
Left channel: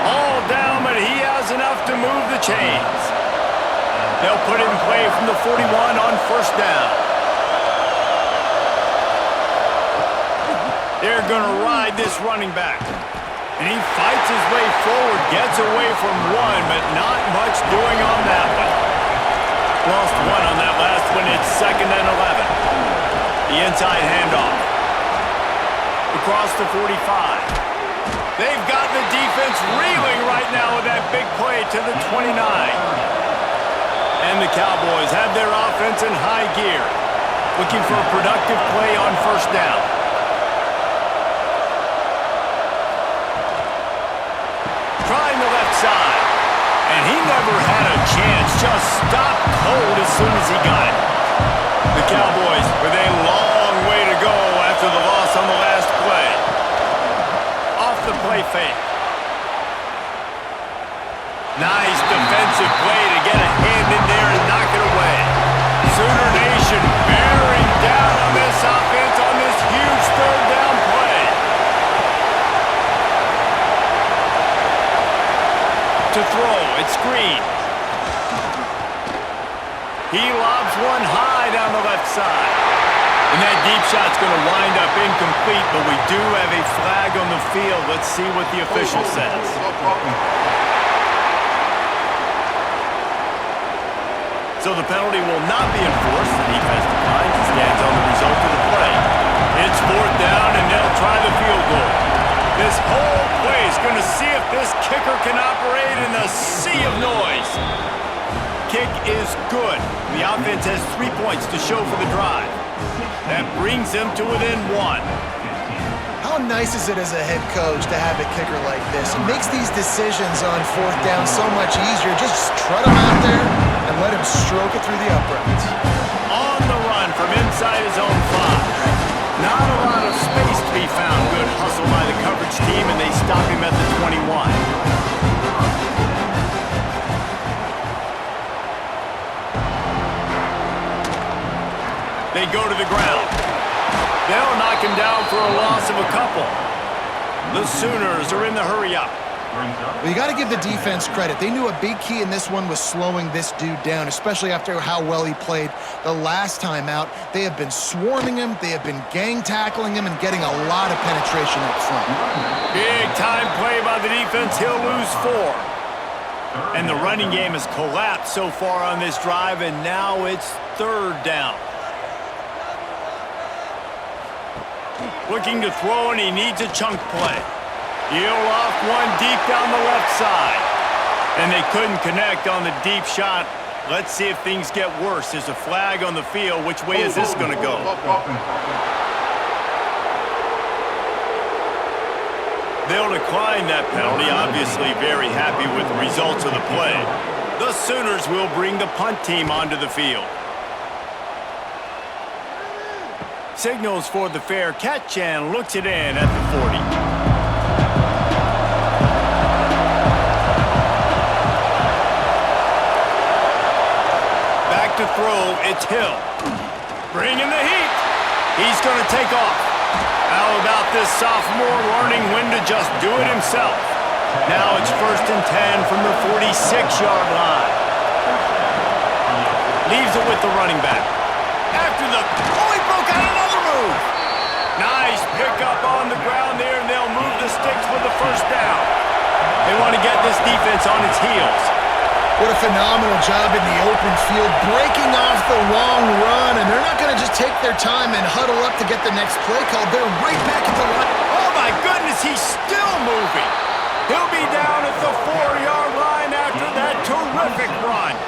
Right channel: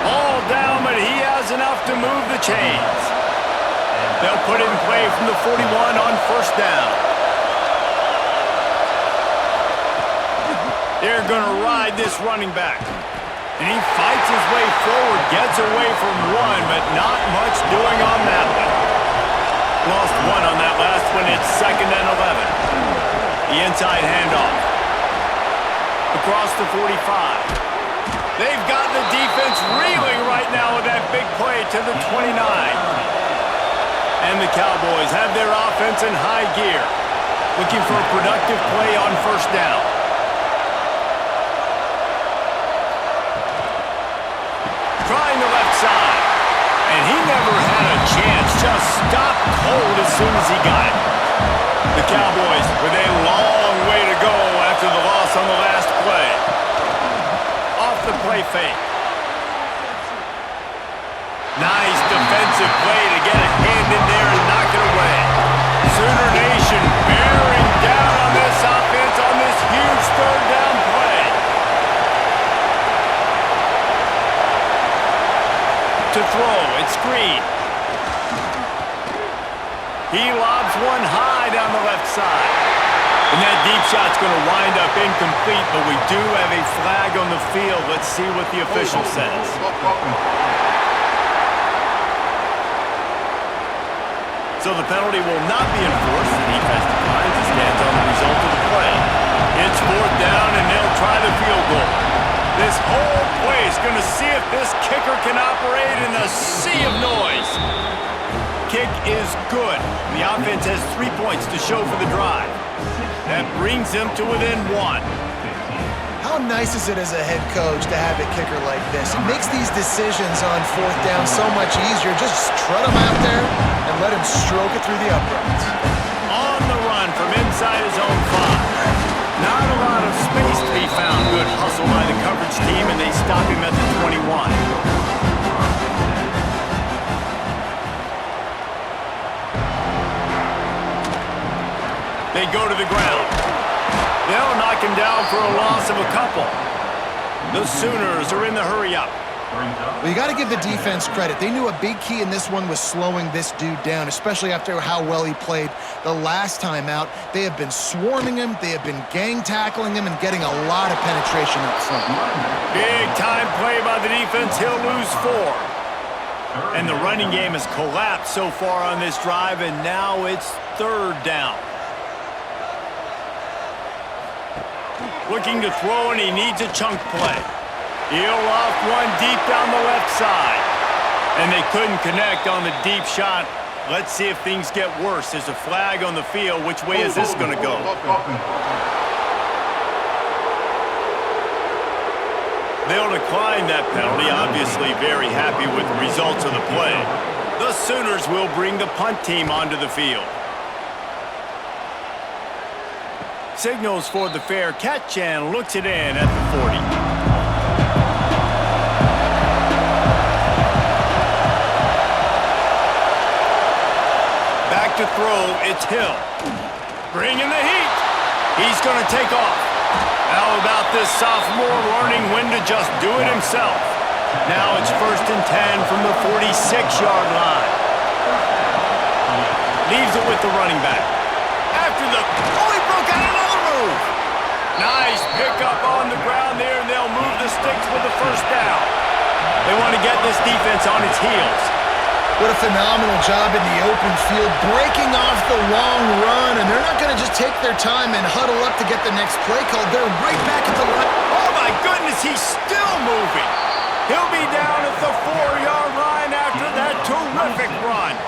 All down, but he has enough to move the chains. They'll put it in play from the 41 on 1st down. They're going to ride this running back. And he fights his way forward, gets away from one, but not much doing on that one. Lost one on that last one. It's 2nd and 11. The inside handoff. Across the 45. They've got the defense reeling right now with that big play to the 29. And the Cowboys have their offense in high gear, looking for a productive play on 1st down. Trying the left side. And he never had a chance, just stopped cold as soon as he got it. The Cowboys with a long way to go after the loss on the last play. Off the play fake. Nice defensive play to get a hand in there and knock it away. Sooner Nation bearing down on this offense on this huge 3rd down play. To throw, it's Green. He lobs one high down the left side. And that deep shot's going to wind up incomplete, but we do have a flag on the field. Let's see what the official says. So the penalty will not be enforced. The defense declines and stands on the result of the play. It's 4th down, and they'll try the field goal. This whole play is going to see if this kicker can operate in the sea of noise. Kick is good. The offense has 3 points to show for the drive. That brings them to within 1. How nice is it as a head coach to have a kicker like this? It makes these decisions on 4th down so much easier. Just trot him out there and let him stroke it through the uprights. On the run from inside his own 5. Not a lot of space to be found. Good hustle by the coverage team, and they stop him at the 21. They go to the ground. They'll knock him down for a loss of a couple. The Sooners are in the hurry-up. Well, you got to give the defense credit. They knew a big key in this one was slowing this dude down, especially after how well he played the last time out. They have been swarming him. They have been gang tackling him and getting a lot of penetration up front. Big time play by the defense. He'll lose 4. And the running game has collapsed so far on this drive, and now it's 3rd down. Looking to throw, and he needs a chunk play. He'll off one deep down the left side. And they couldn't connect on the deep shot. Let's see if things get worse. There's a flag on the field. Which way is this going to go? They'll decline that penalty. Obviously very happy with the results of the play. The Sooners will bring the punt team onto the field. Signals for the fair catch and looks it in at the 40. Back to throw, it's Hill. Bringing the heat. He's going to take off. How about this sophomore learning when to just do it himself? Now it's 1st and 10 from the 46-yard line. Leaves it with the running back. After the... Oh, he broke out another move. Nice pickup on the ground there, and they'll move the sticks with the 1st down. They want to get this defense on its heels. What a phenomenal job in the open field, breaking off the long run, and they're not going to just take their time and huddle up to get the next play called. They're right back at the line. Oh, my goodness, he's still moving. He'll be down at the 4-yard line after that terrific run.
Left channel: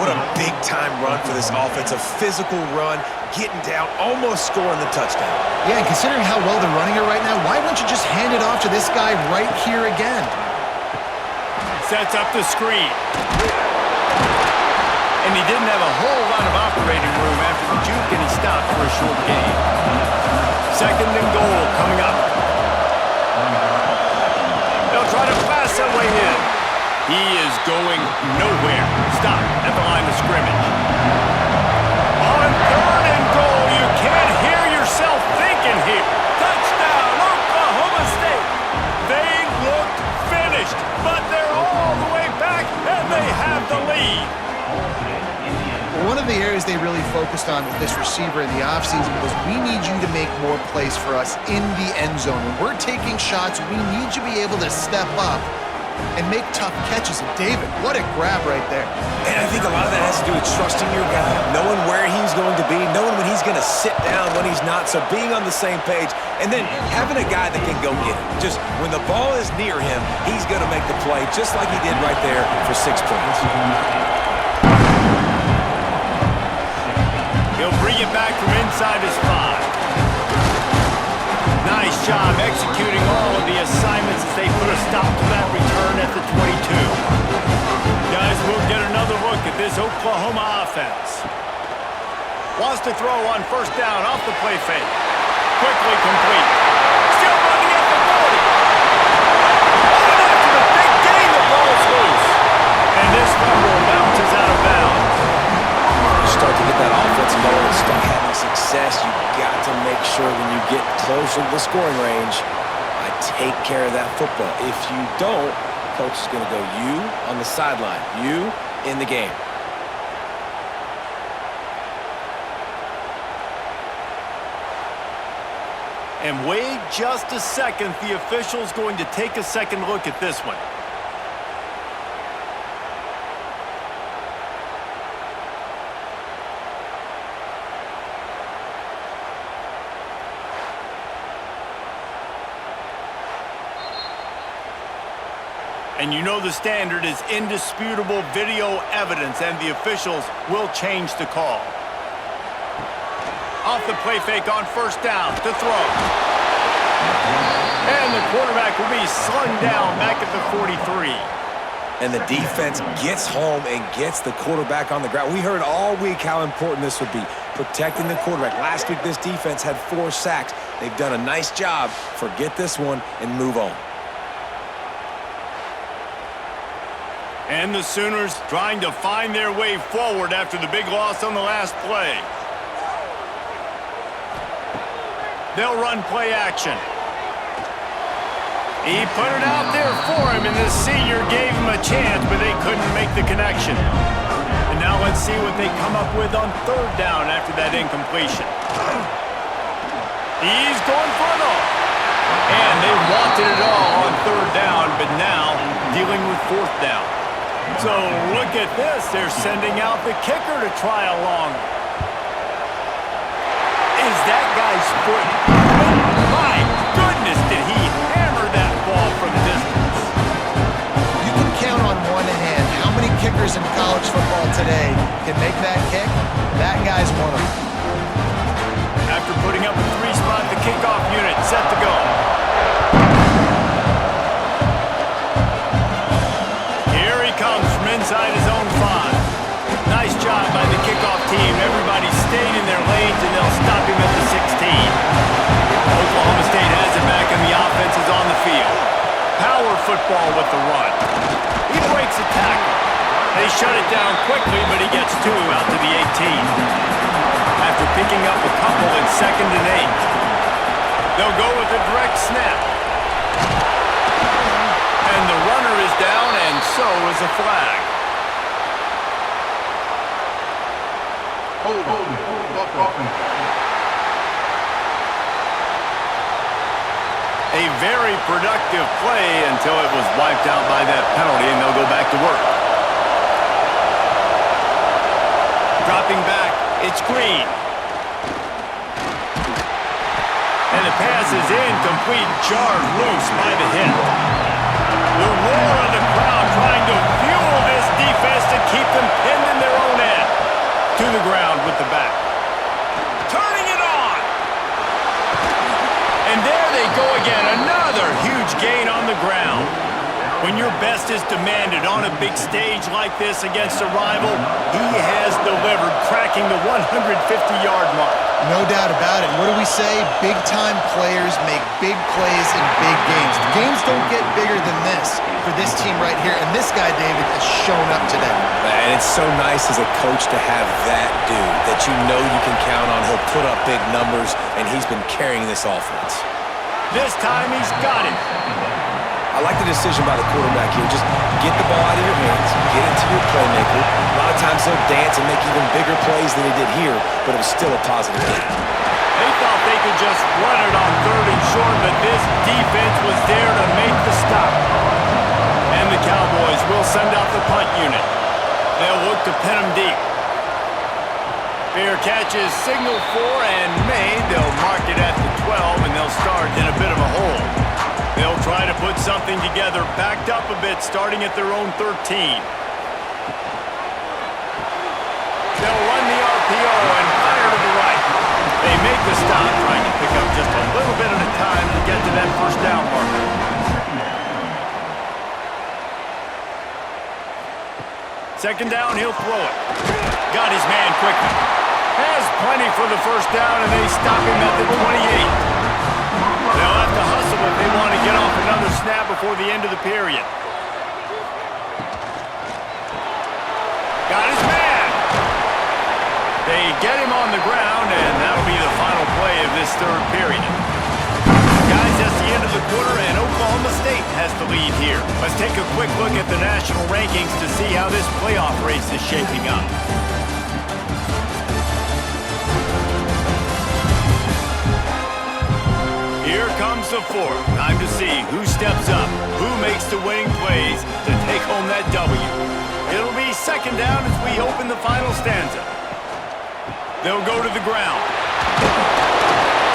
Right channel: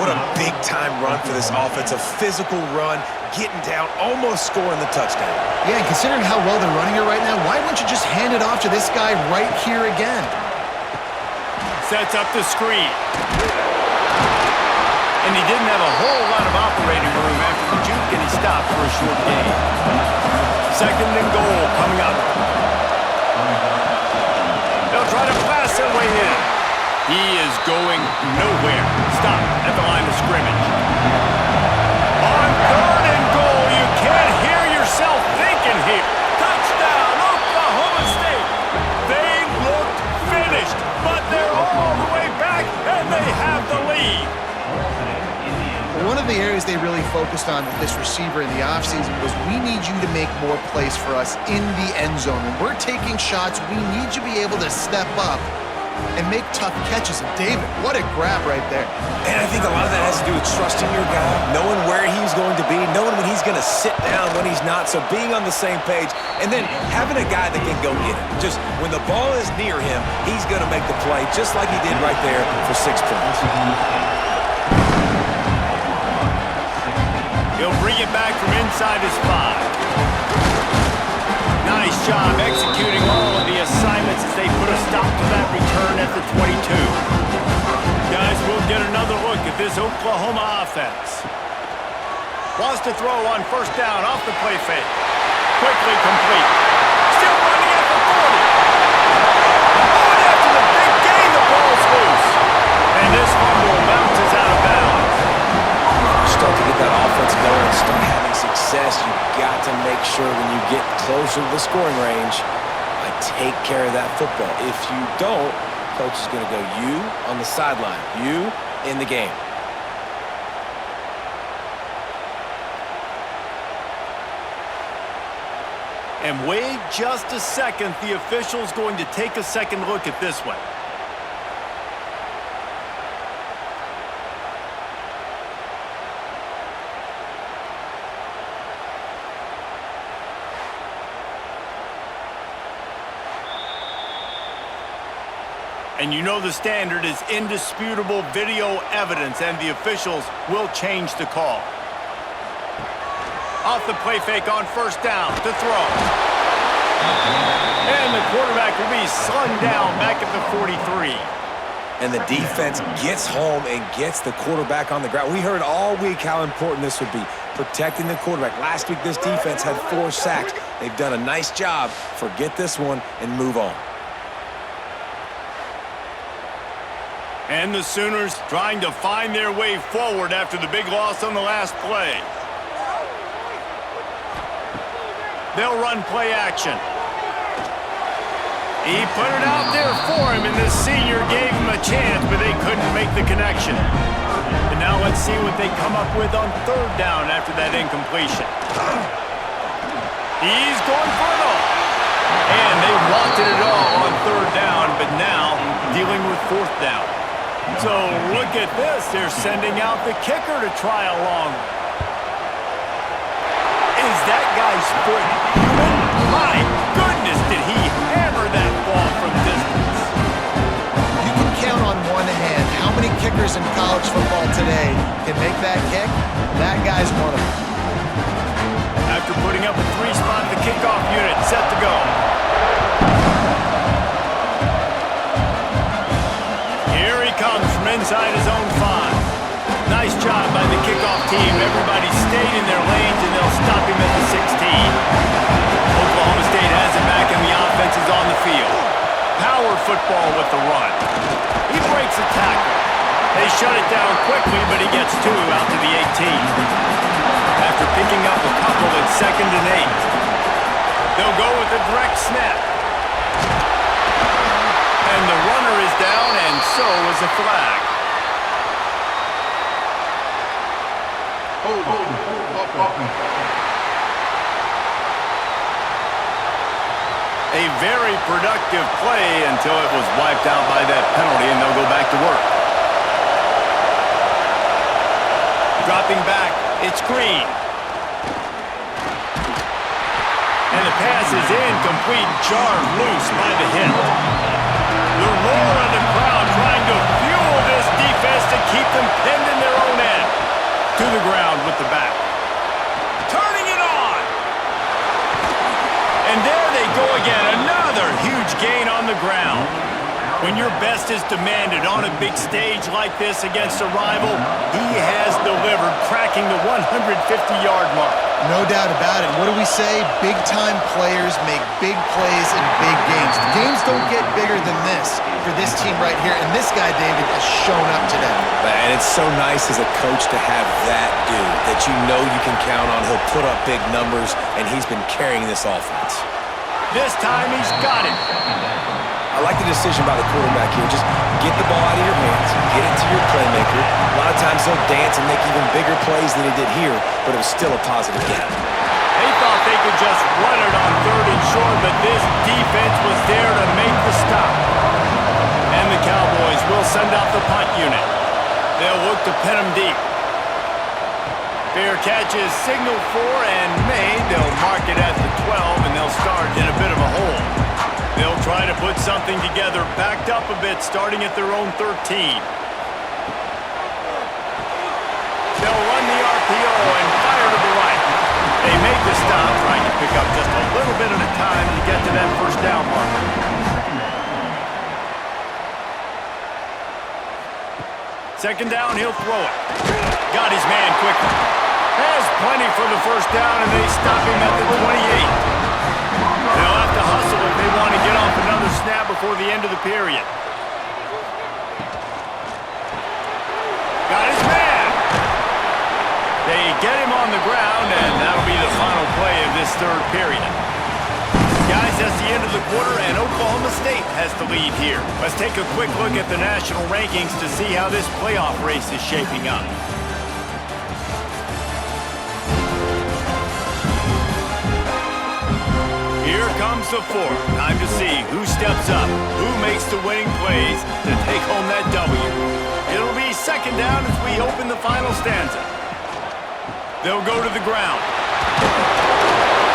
What a big-time run for this offense, a physical run, getting down, almost scoring the touchdown. Yeah, and considering how well they're running it right now, why wouldn't you just hand it off to this guy right here again? Sets up the screen. And he didn't have a whole lot of operating room after the juke, and he stopped for a short gain. 2nd and goal coming up. They'll try to blast their way in. He is going nowhere. Stop at the line of scrimmage. On 3rd and goal, you can't hear yourself thinking here. Touchdown, Oklahoma State. They looked finished, but they're all the way back, and they have the lead. One of the areas they really focused on with this receiver in the offseason was, we need you to make more plays for us in the end zone. When we're taking shots, we need you to be able to step up and make tough catches. And David, what a grab right there. And I think a lot of that has to do with trusting your guy, knowing where he's going to be, knowing when he's going to sit down, when he's not, so being on the same page, and then having a guy that can go get it. Just when the ball is near him, he's going to make the play, just like he did right there for 6 points. He'll bring it back from inside his 5. Nice job executing all of the assignments as they put a stop to that return at the 22. Guys, we'll get another look at this Oklahoma offense. Wants to throw on 1st down off the play fake. Quickly complete. Still running at the 40. Oh, and after the big gain, the ball's loose. And this fumble bounces out of bounds. Start to get that offense going and start having success, you got to make sure when you get closer to the scoring range, I take care of that football. If you don't, coach is going to go, you on the sideline, you in the game. And wait just a second, the official's going to take a second look at this one. And you know the standard is indisputable video evidence, and the officials will change the call. Off the play fake on 1st down to throw. And the quarterback will be slung down back at the 43. And the defense gets home and gets the quarterback on the ground. We heard all week how important this would be, protecting the quarterback. Last week, this defense had 4 sacks. They've done a nice job. Forget this one and move on. And the Sooners trying to find their way forward after the big loss on the last play. They'll run play action. He put it out there for him, and this senior gave him a chance, but they couldn't make the connection. And now let's see what they come up with on 3rd down after that incompletion. He's going for it all. And they wanted it all on 3rd down, but now dealing with 4th down. So look at this. They're sending out the kicker to try along. Is that guy's foot human? My goodness, did he hammer that ball from distance. You can count on one hand how many kickers in college football today can make that kick. That guy's one of them. After putting up a 3-spot, the kickoff unit set to go. Here he comes from inside his own 5. Nice job by the kickoff team. Everybody stayed in their lanes, and they'll stop him at the 16. Oklahoma State has it back, and the offense is on the field. Power football with the run. He breaks a tackle. They shut it down quickly, but he gets 2 out to the 18. After picking up a couple at 2nd and 8. They'll go with a direct snap. And the runner is down, and so is a flag. A very productive play until it was wiped out by that penalty, and they'll go back to work. Dropping back, it's Green. And the pass is incomplete, jarred loose by the hit. The roar of the crowd trying to fuel this defense to keep them pinned in their own end. To the ground with the back. Turning it on! And there they go again, another huge gain on the ground. When your best is demanded on a big stage like this against a rival, he has delivered, cracking the 150-yard mark. No doubt about it. What do we say? Big-time players make big plays in big games. The games don't get bigger than this for this team right here, and this guy, David, has shown up today. Man, it's so nice as a coach to have that dude that you know you can count on. He'll put up big numbers, and he's been carrying this offense. This time he's got it. I like the decision by the quarterback here. Just get the ball out of your hands, get it to your playmaker. A lot of times they'll dance and make even bigger plays than he did here, but it was still a positive game. They thought they could just run it on 3rd and short, but this defense was there to make the stop. And the Cowboys will send out the punt unit. They'll look to pin them deep. Fair catch is signaled for and made. They'll mark it at the 12, and they'll start in a bit of a hole. They'll try to put something together, backed up a bit, starting at their own 13. They'll run the RPO and fire to the right. They make the stop, trying to pick up just a little bit at a time to get to that first down marker. Second down, he'll throw it. Got his man quickly. Has plenty for the first down, and they stop him at the 28. They'll have to hustle if they want to get off another snap before the end of the period. Got his man. They get him on the ground, and that'll be the final play of this 3rd period. Guys, that's the end of the quarter, and Oklahoma State has the lead here. Let's take a quick look at the national rankings to see how this playoff race is shaping up. Here comes the 4th. Time to see who steps up, who makes the winning plays to take home that W. It'll be second down as we open the final stanza. They'll go to the ground.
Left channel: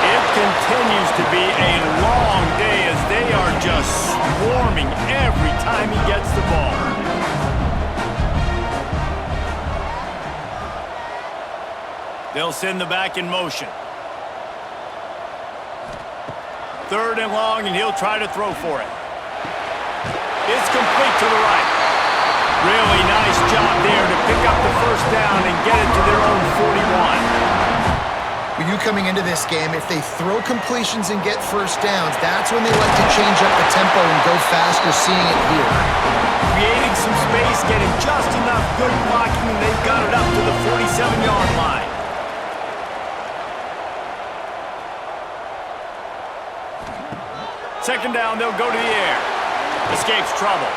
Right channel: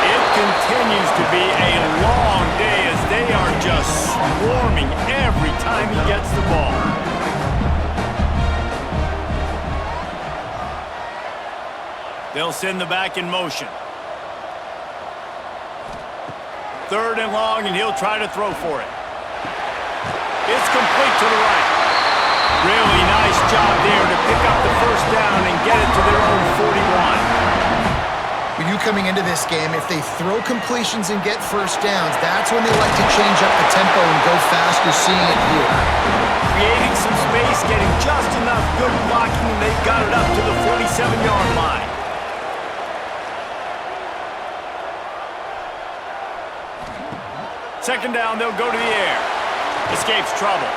It continues to be a long day as they are just swarming every time he gets the ball. They'll send the back in motion. 3rd and long, and he'll try to throw for it. It's complete to the right. Really nice job there to pick up the first down and get it to their own 41. We knew coming into this game, if they throw completions and get first downs, that's when they like to change up the tempo and go faster, seeing it here. Creating some space, getting just enough good blocking, and they've got it up to the 47-yard line. Second down, they'll go to the air. Escapes trouble.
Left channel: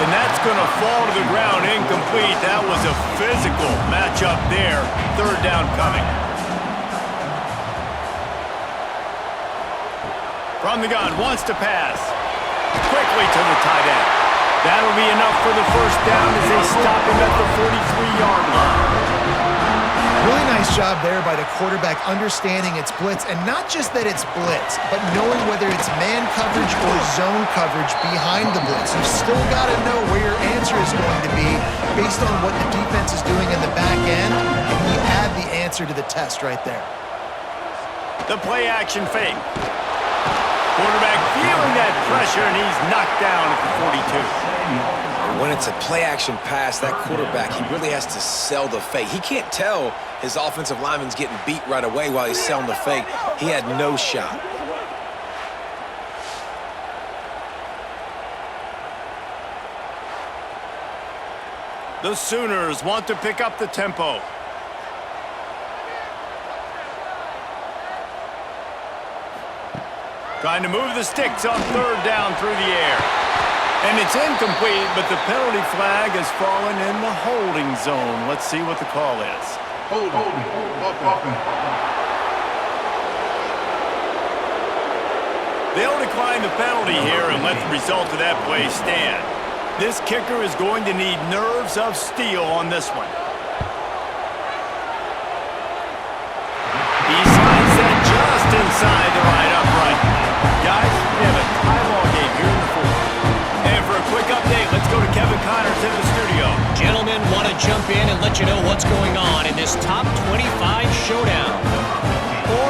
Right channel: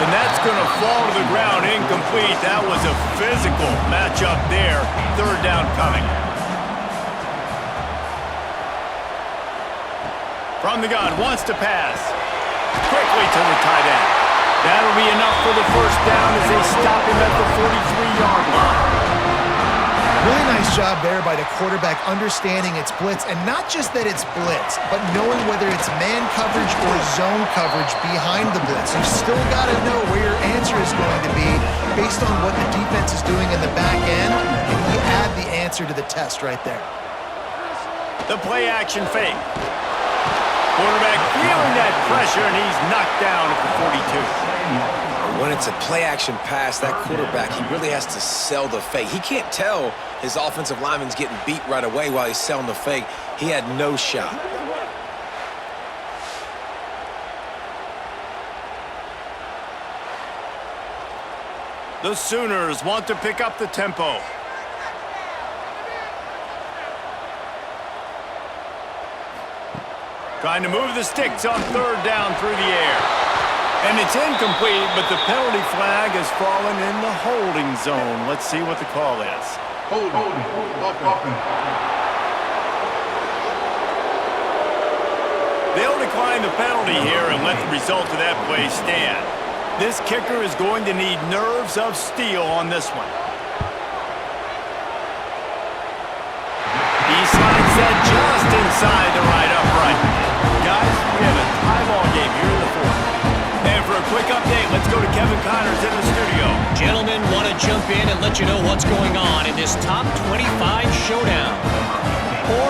And that's going to fall to the ground incomplete. That was a physical matchup there. 3rd down coming. From the gun, wants to pass. Quickly to the tight end. That'll be enough for the first down as they stop him at the 43-yard line. Really nice job there by the quarterback understanding it's blitz, and not just that it's blitz, but knowing whether it's man coverage or zone coverage behind the blitz. You've still got to know where your answer is going to be based on what the defense is doing in the back end, and he add the answer to the test right there. The play action fake. Quarterback feeling that pressure, and he's knocked down at the 42. When it's a play-action pass, that quarterback, he really has to sell the fake. He can't tell his offensive lineman's getting beat right away while he's selling the fake. He had no shot. The Sooners want to pick up the tempo. Trying to move the sticks on 3rd down through the air. And it's incomplete, but the penalty flag has fallen in the holding zone. Let's see what the call is. Holding. They'll decline the penalty here and let the result of that play stand. This kicker is going to need nerves of steel on this one. set just inside the right upright. Guys, we have a tie ball game here in the fourth. And for a quick update, let's go to Kevin Connors in the studio. Gentlemen, want to jump in and let you know what's going on in this top 25 showdown.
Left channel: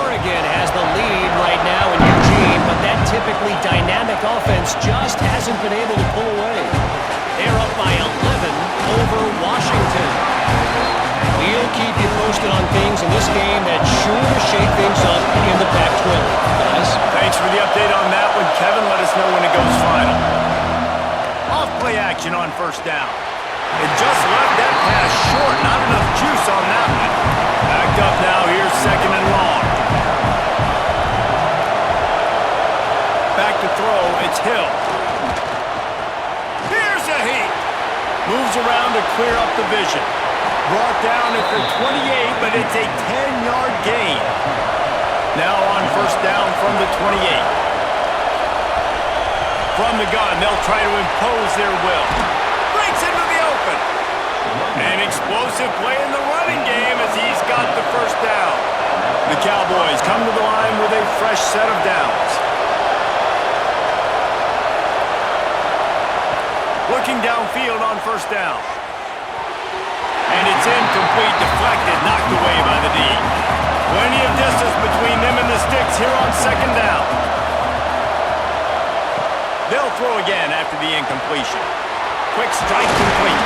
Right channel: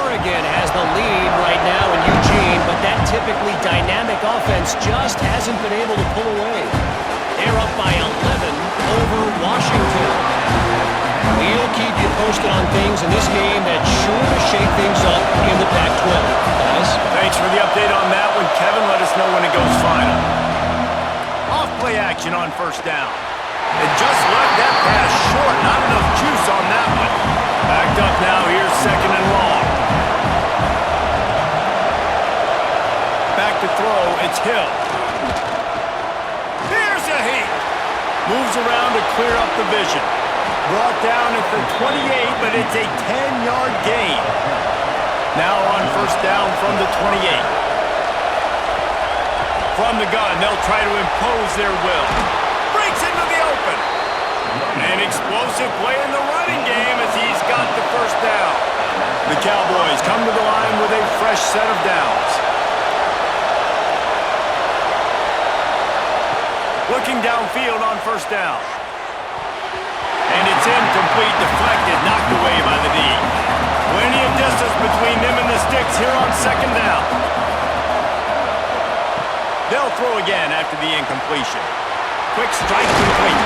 Oregon has the lead right now in Eugene, but that typically dynamic offense just hasn't been able to pull away. They're up by 11 over Washington. We'll keep you posted on things in this game that's sure to shake things up in the Pac-12. Guys? Thanks for the update on that one, Kevin. Let us know when it goes final. Off-play action on first down. It just left that pass short. Not enough juice on that one. Backed up now. Here's second and long. Back to throw. It's Hill. Here's a heat. Moves around to clear up the vision. Brought down at the 28, but it's a 10-yard gain. Now on first down from the 28. From the gun, they'll try to impose their will. Breaks into the open. An explosive play in the running game as he's got the first down. The Cowboys come to the line with a fresh set of downs. Looking downfield on first down. And it's incomplete, deflected, knocked away by the D. Plenty of distance between them and the sticks here on second down. They'll throw again after the incompletion. Quick strike complete.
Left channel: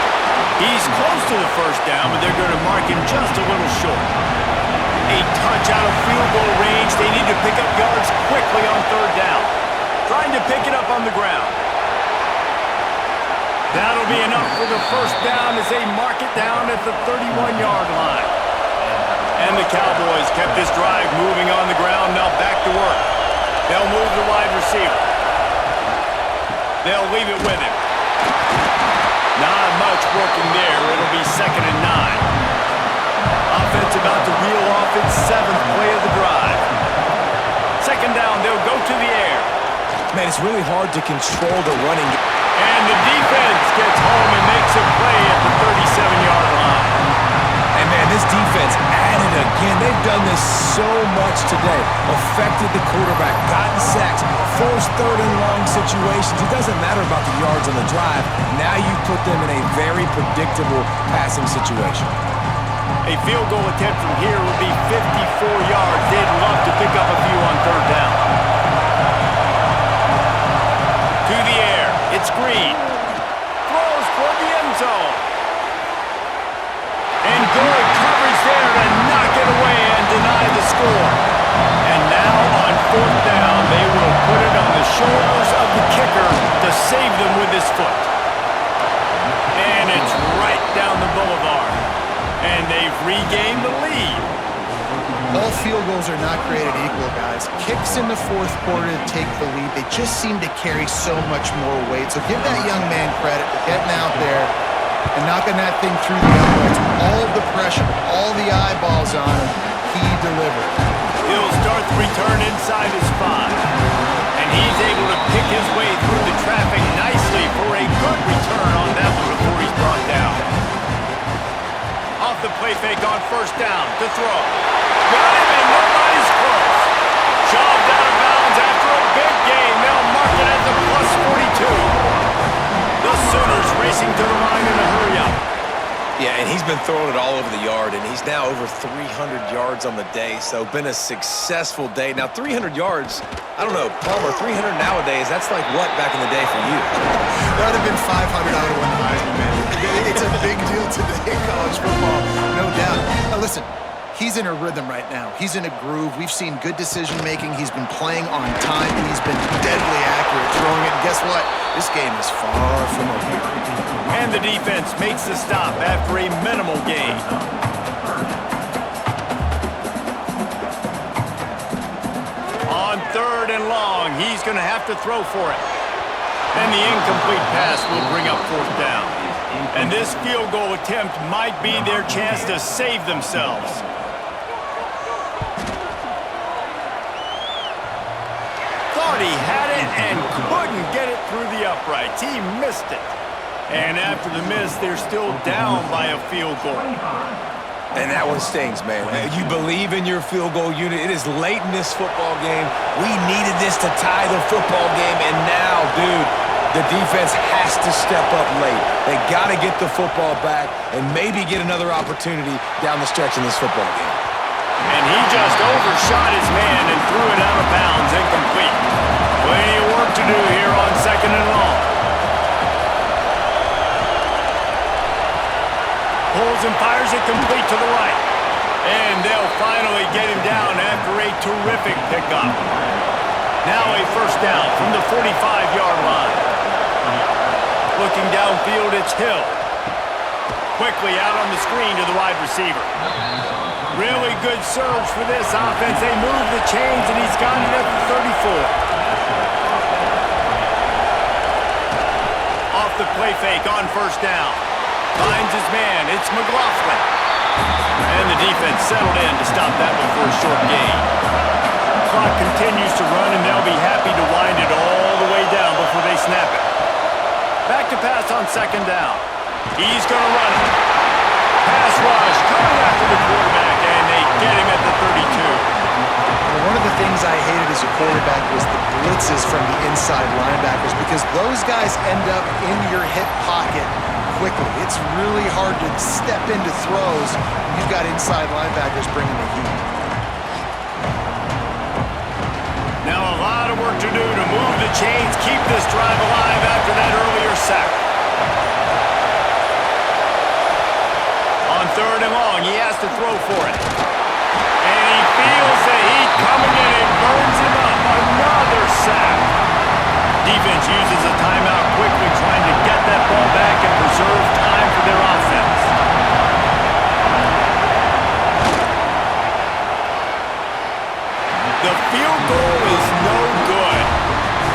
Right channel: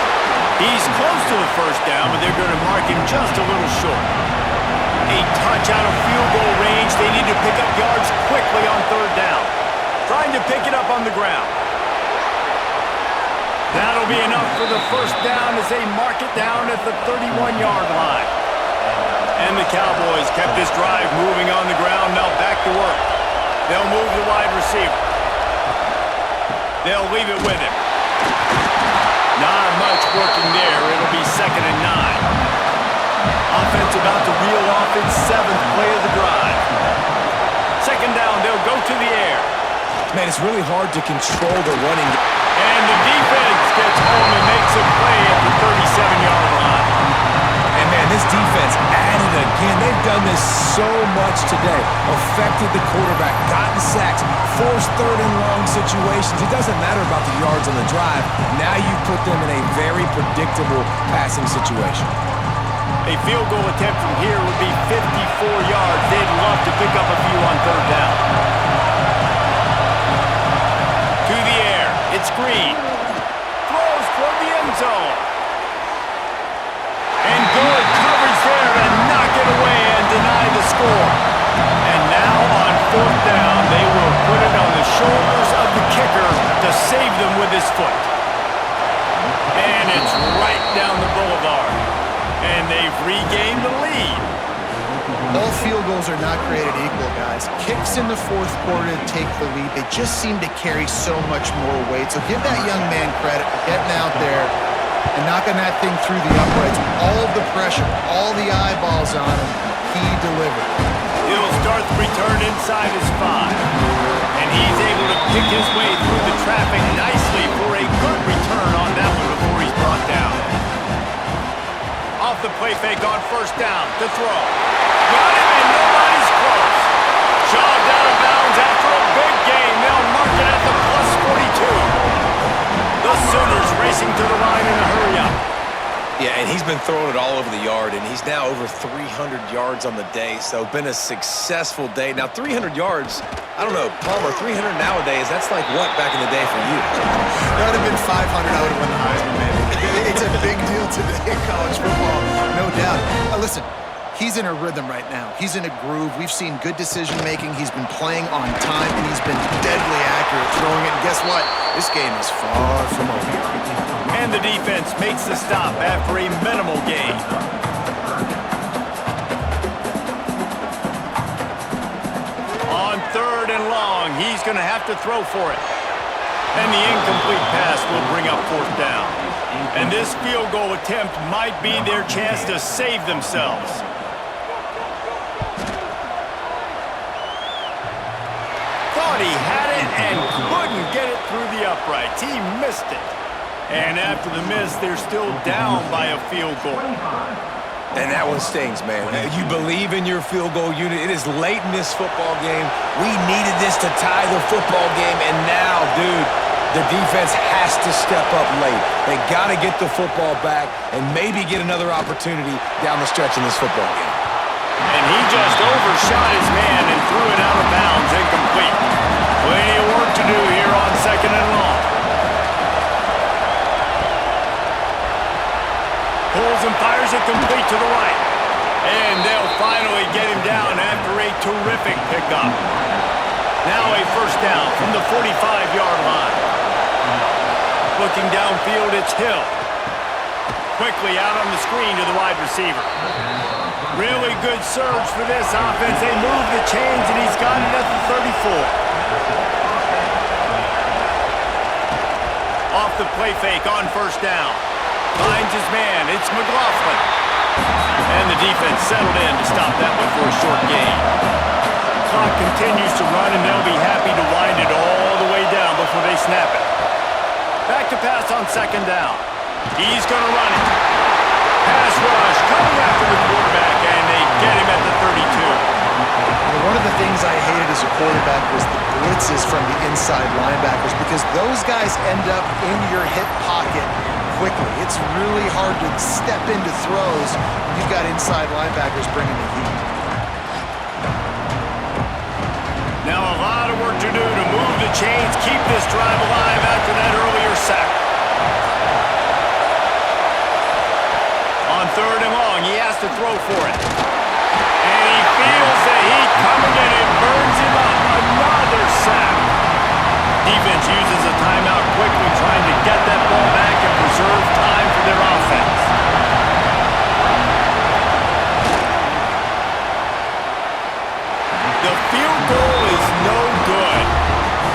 He's close to the first down, but they're going to mark him just a little short. A touch out of field goal range. They need to pick up yards quickly on third down. Trying to pick it up on the ground. That'll be enough for the first down as they mark it down at the 31-yard line. And the Cowboys kept this drive moving on the ground. Now back to work. They'll move the wide receiver. They'll leave it with him. Not much working there. It'll be second and 9. Offense about to reel off its 7th play of the drive. Second down, they'll go to the air. Man, it's really hard to control the running game. And the defense gets home and makes a play at the 37-yard line. And man, this defense added again. They've done this so much today. Affected the quarterback, gotten sacks, forced third and long situations. It doesn't matter about the yards on the drive. Now you put them in a very predictable passing situation. A field goal attempt from here would be 54 yards. They'd love to pick up a few on third down. To the air. It's Green. Throws toward the end zone. And good coverage there to knock it away and deny the score. And now on fourth down, they will put it on the shoulders of the kicker to save them with his foot. And it's right down the boulevard. And they've regained the lead. All field goals are not created equal, guys. Kicks in the fourth quarter to take the lead. They just seem to carry so much more weight. So give that young man credit for getting out there and knocking that thing through the uprights. All of the pressure, all the eyeballs on him, he delivered. He'll start the return inside his 5. And he's able to pick his way through the traffic nicely for a good return on that one before he's brought down. Off the play fake on first down to throw. Got him and nobody's close. Shoved out of bounds after a big gain. They'll mark it at the plus 42. The Sooners racing to the line in a hurry-up. Yeah, and he's been throwing it all over the yard, and he's now over 300 yards on the day, so been a successful day. Now, 300 yards, I don't know, Palmer, 300 nowadays, that's like what back in the day for you? That would have been 500. I would have won the Heisman, man. It's a big deal today in college football, no doubt. Listen, he's in a rhythm right now. He's in a groove. We've seen good decision-making. He's been playing on time, and he's been deadly accurate throwing it. And guess what? This game is far from over. And the defense makes the stop after a minimal gain. On third and long, he's going to have to throw for it. And the incomplete pass will bring up fourth down. And this field goal attempt might be their chance to save themselves. Thought he had it and couldn't get it through the uprights. He missed it. And after the miss, they're still down by a field goal. And that one stings, man. You believe in your field goal unit. It is late in this football game. We needed this to tie the football game, and now, dude, the defense has to step up late. They got to get the football back and maybe get another opportunity down the stretch in this football game. And he just overshot his man and threw it out of bounds, incomplete. Plenty of work to do here on 2nd and long. Pulls and fires it complete to the right. And they'll finally get him down after a terrific pickup. Now a first down from the 45-yard line. Looking downfield, it's Hill. Quickly out on the screen to the wide receiver. Really good surge for this offense. They move the chains, and he's got it at the 34. Off the play fake on first down. Finds his man. It's McLaughlin. And the defense settled in to stop that one for a short gain. Clock continues to run, and they'll be happy to wind it all the way down before they snap it. Back to pass on 2nd down. He's going to run it. Pass rush coming after the quarterback, and they get him at the 32. One of the things I hated as a quarterback was the blitzes from the inside linebackers, because those guys end up in your hip pocket quickly. It's really hard to step into throws when you've got inside linebackers bringing the heat. Now a lot of work to do to move the chains, keep this drive alive after that earlier sack. On 3rd and long, he has to throw for it. And he feels the heat coming in and burns him up. Another sack. Defense uses a timeout quickly, trying to get that ball back and preserve time for their offense. The field goal is no good.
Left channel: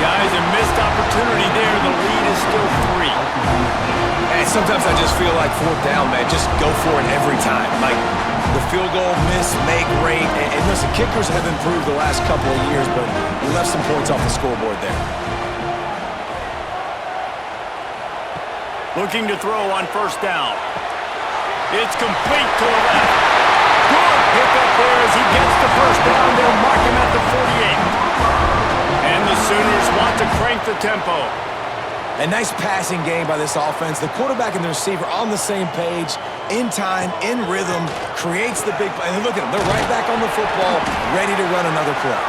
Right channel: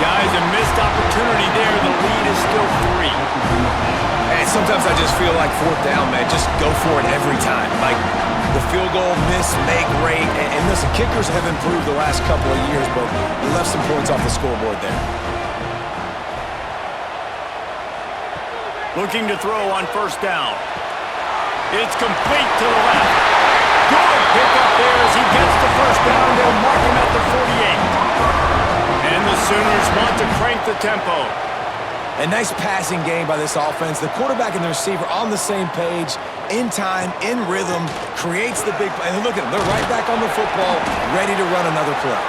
Guys, a missed opportunity there. The lead is still 3. And sometimes I just feel like 4th down, man. Just go for it every time. Like the field goal miss, make rate. And listen, kickers have improved the last couple of years, but we left some points off the scoreboard there. Looking to throw on first down. It's complete to the left. Good pickup there as he gets the first down. They'll mark him at the 48. And the Sooners want to crank the tempo. A nice passing game by this offense. The quarterback and the receiver on the same page, in time, in rhythm, creates the big play. And look at them. They're right back on the football, ready to run another play.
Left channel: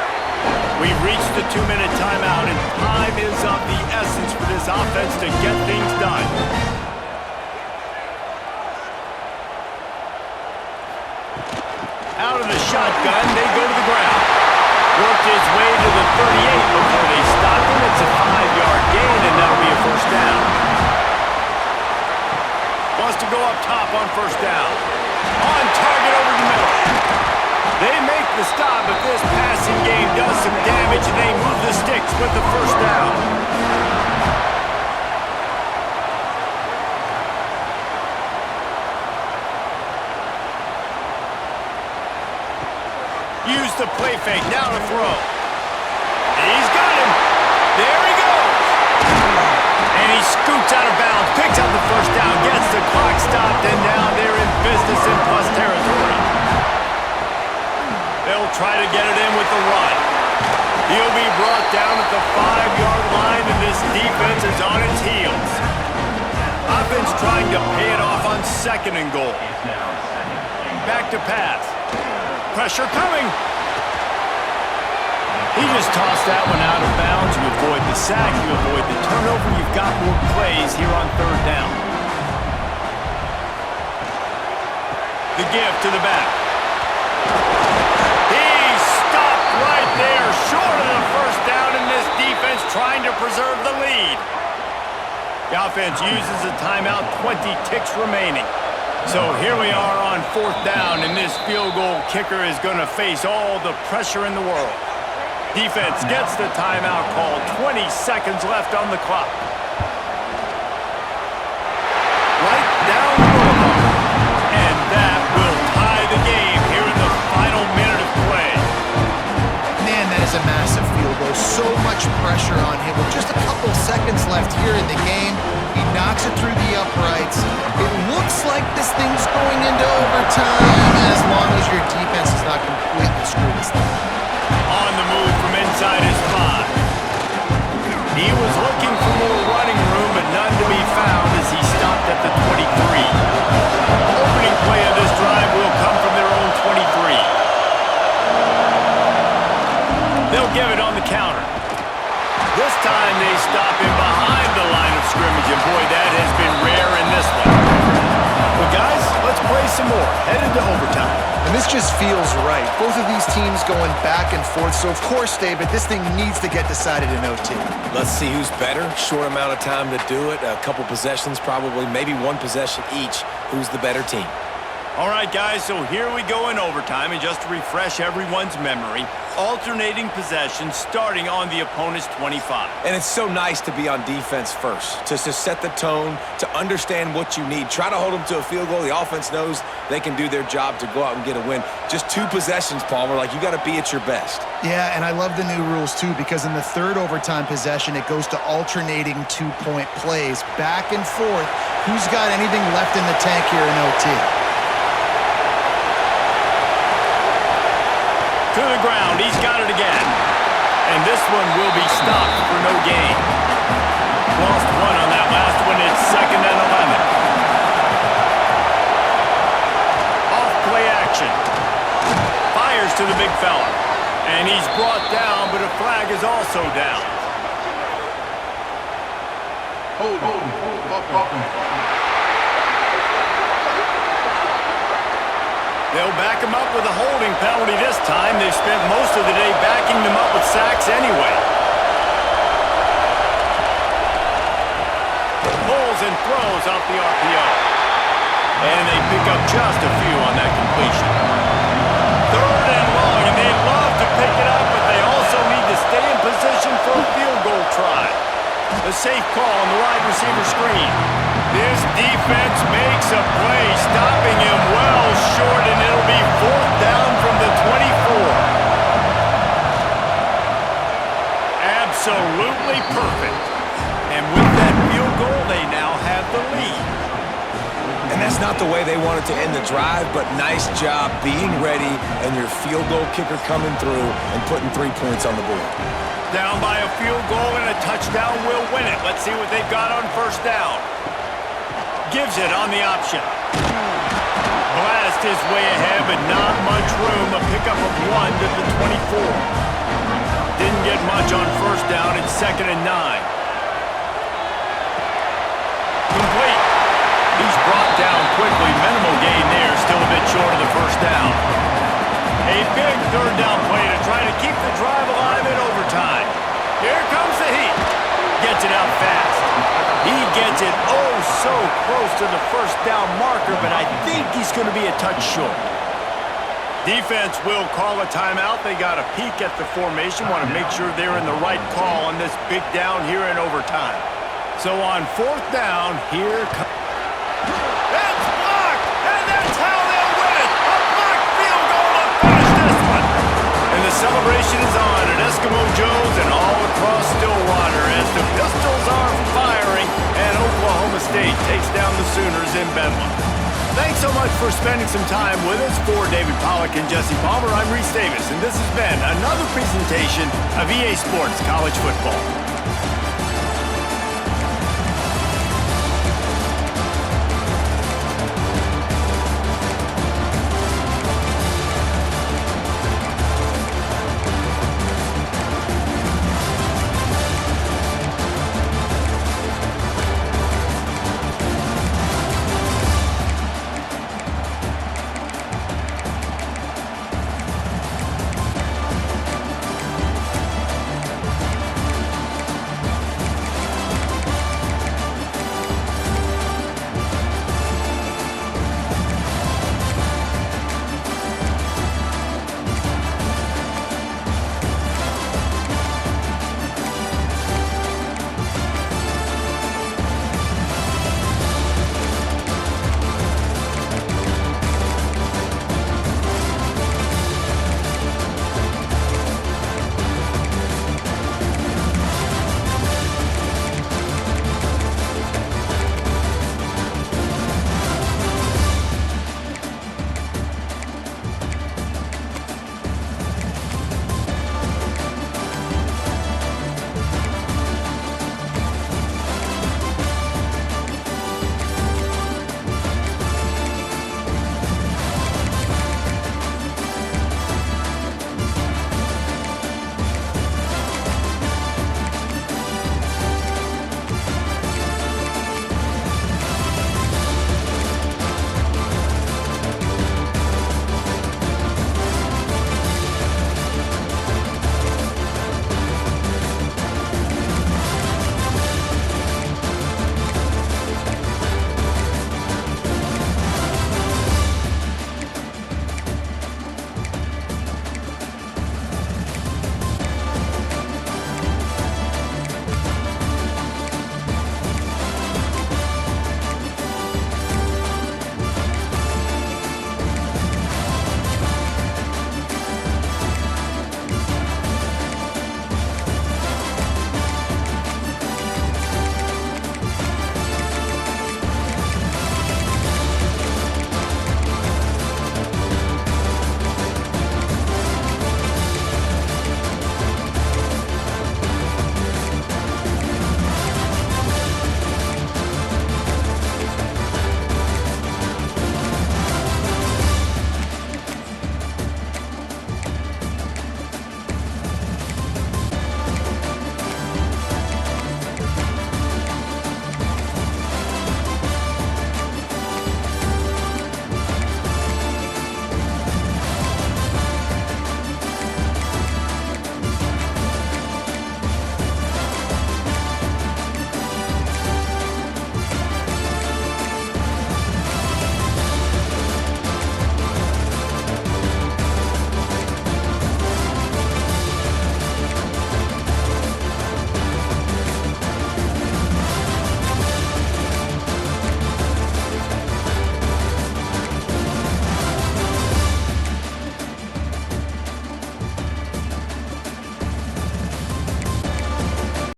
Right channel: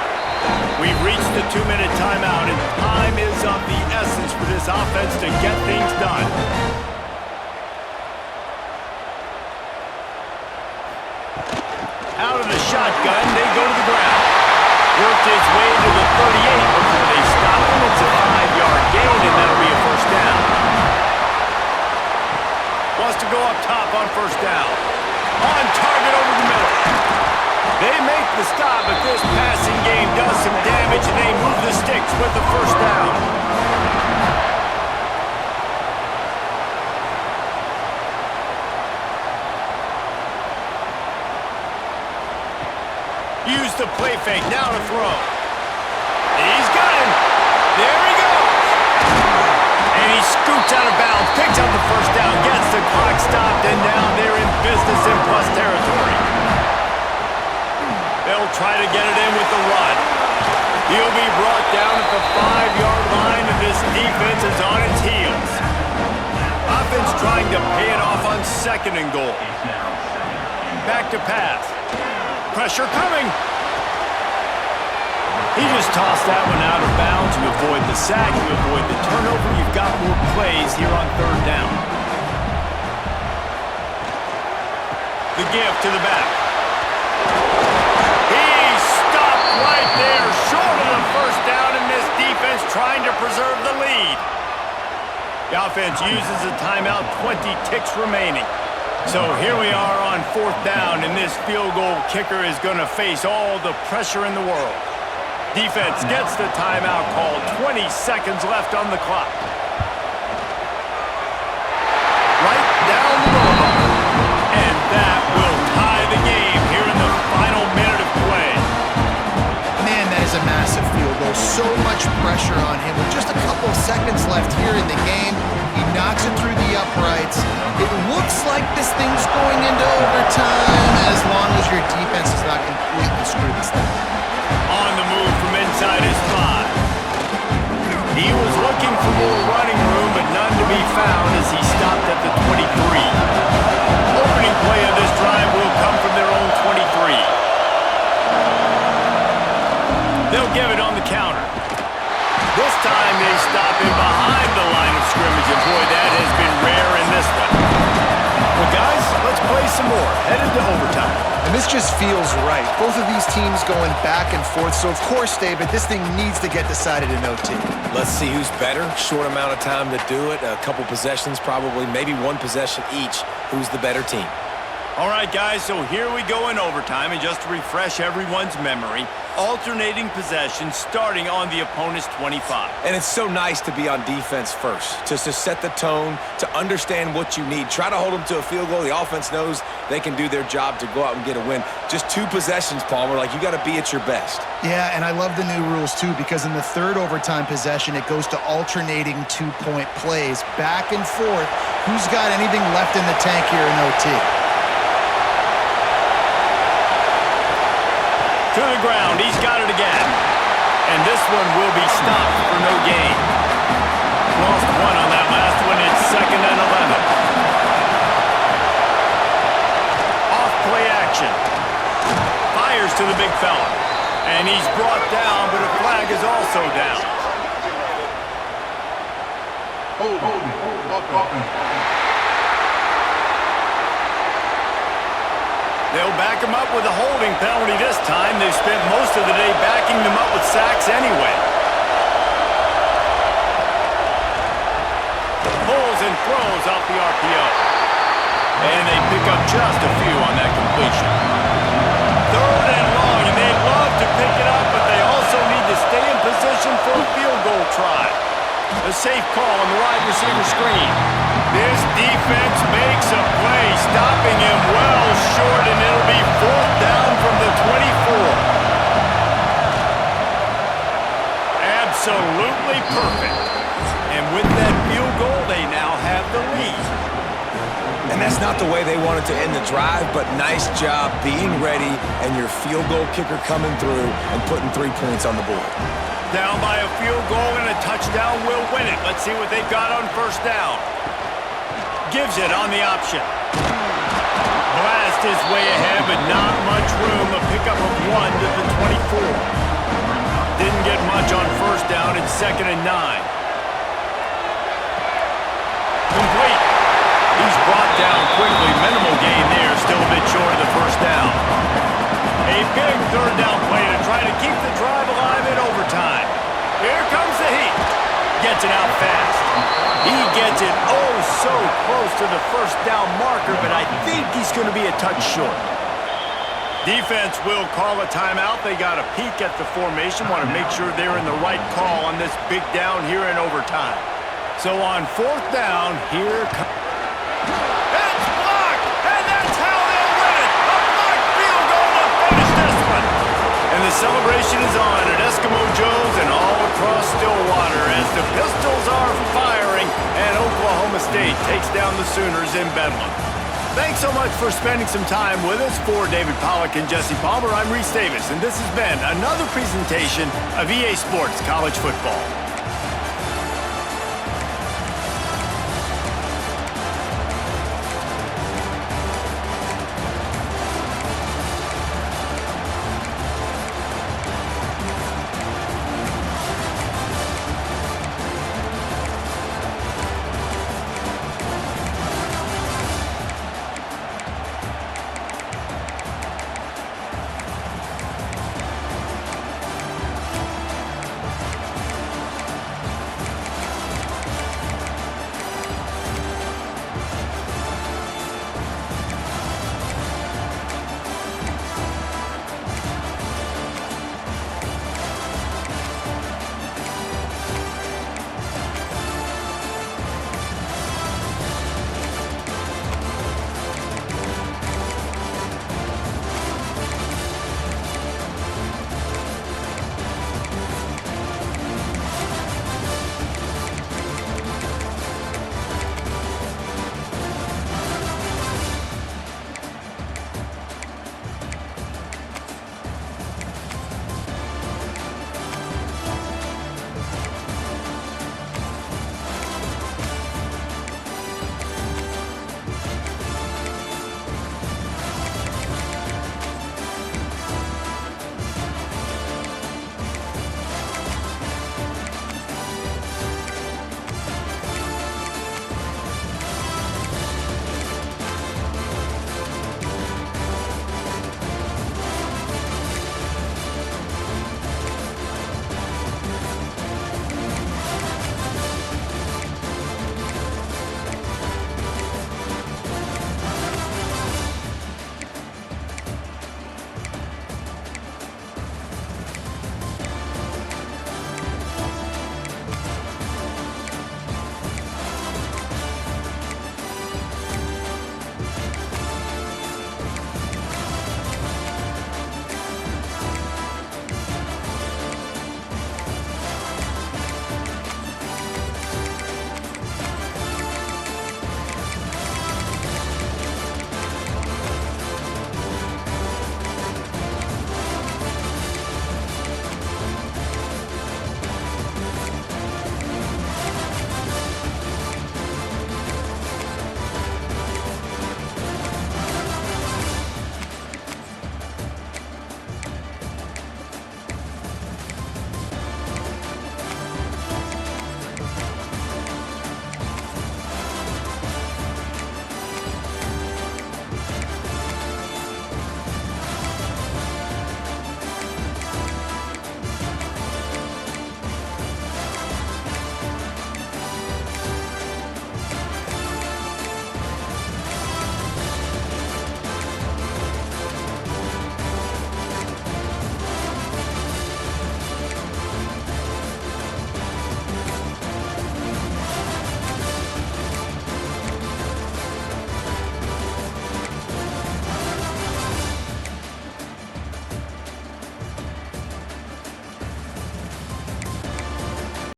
We've reached the 2-minute timeout, and time is of the essence for this offense to get things done. Out of the shotgun, they go to the ground. Worked his way to the 38 before they stopped him. It's a 5-yard gain, and that'll be a first down. Wants to go up top on first down. On target over the middle. They make the stop, but this passing game does some damage, and they move the sticks with the first down. Use the play fake, now to throw. He's got him. There he goes. And he scoots out of bounds, picks up the first down, gets the clock stopped, and now they're in business in plus territory. They'll try to get it in with the run. He'll be brought down at the 5-yard line, and this defense is on its heels. Offense trying to pay it off on 2nd and goal. Back to pass. Pressure coming. He just tossed that one out of bounds. You avoid the sack, you avoid the turnover. You've got more plays here on 3rd down. The give to the back. He stopped right there, short of the first down, and this defense trying to preserve the lead. The offense uses a timeout, 20 ticks remaining. So here we are on 4th down, and this field goal kicker is going to face all the pressure in the world. Defense gets the timeout called. 20 seconds left on the clock. Right down the boulevard. And that will tie the game here in the final minute of play. Man, that is a massive field goal. So much pressure on him. With just a couple seconds left here in the game, he not knocks it through the uprights. It looks like this thing's going into overtime as long as your defense does not completely screw this thing. On the move from inside his 5. He was looking for more running room, but none to be found as he stopped at the 23. Opening play of this drive will come from their own 23. They'll give it on the counter. This time they stop him behind the line of scrimmage, and boy, that has been rare in this one. Well, guys, let's play some more. Headed to overtime. And this just feels right. Both of these teams going back and forth, so of course, David, this thing needs to get decided in OT. Let's see who's better. Short amount of time to do it. A couple possessions probably, maybe one possession each. Who's the better team? All right, guys, so here we go in overtime, and just to refresh everyone's memory, alternating possessions starting on the opponent's 25. And it's so nice to be on defense first, just to set the tone, to understand what you need. Try to hold them to a field goal. The offense knows they can do their job to go out and get a win. Just 2 possessions, Palmer, like you got to be at your best. Yeah, and I love the new rules, too, because in the third overtime possession, it goes to alternating 2-point plays, back and forth. Who's got anything left in the tank here in OT? To the ground, he's got it again. And this one will be stopped for no gain. Lost 1 on that last one. It's 2nd and 11. Off play action. Fires to the big fella. And he's brought down, but a flag is also down. Hold on. They'll back him up with a holding penalty this time. They've spent most of the day backing them up with sacks anyway. Pulls and throws off the RPO. And they pick up just a few on that completion. 3rd and long, and they'd love to pick it up, but they also need to stay in position for a field goal try. A safe call on the wide receiver screen. This defense makes a play, stopping him well short, and it'll be 4th down from the 24. Absolutely perfect. And with that field goal, they now have the lead. And that's not the way they wanted to end the drive, but nice job being ready and your field goal kicker coming through and putting 3 points on the board. Down by a field goal and a touchdown will win it. Let's see what they've got on 1st down. Gives it on the option. Blast his way ahead, but not much room. A pickup of 1 to the 24. Didn't get much on 1st down. It's 2nd and 9. Complete. He's brought down quickly. Minimal gain there. Still a bit short of the 1st down. A big 3rd down play to try to keep the drive alive in overtime. Here comes the heat. Gets it out fast. He gets it so close to the 1st down marker, but I think he's going to be a touch short. Defense will call a timeout. They got a peek at the formation. Want to make sure they're in the right call on this big down here in overtime. So on 4th down, here comes... It's blocked, and that's how they'll win it. A blocked field goal to finish this one. And the celebration is on at Eskimo Joe's and all across Stillwater as the Pistols are firing and Oklahoma State takes down the Sooners in Bedlam. Thanks so much for spending some time with us. For David Pollack and Jesse Palmer, I'm Reese Davis, and this has been another presentation of EA Sports College Football.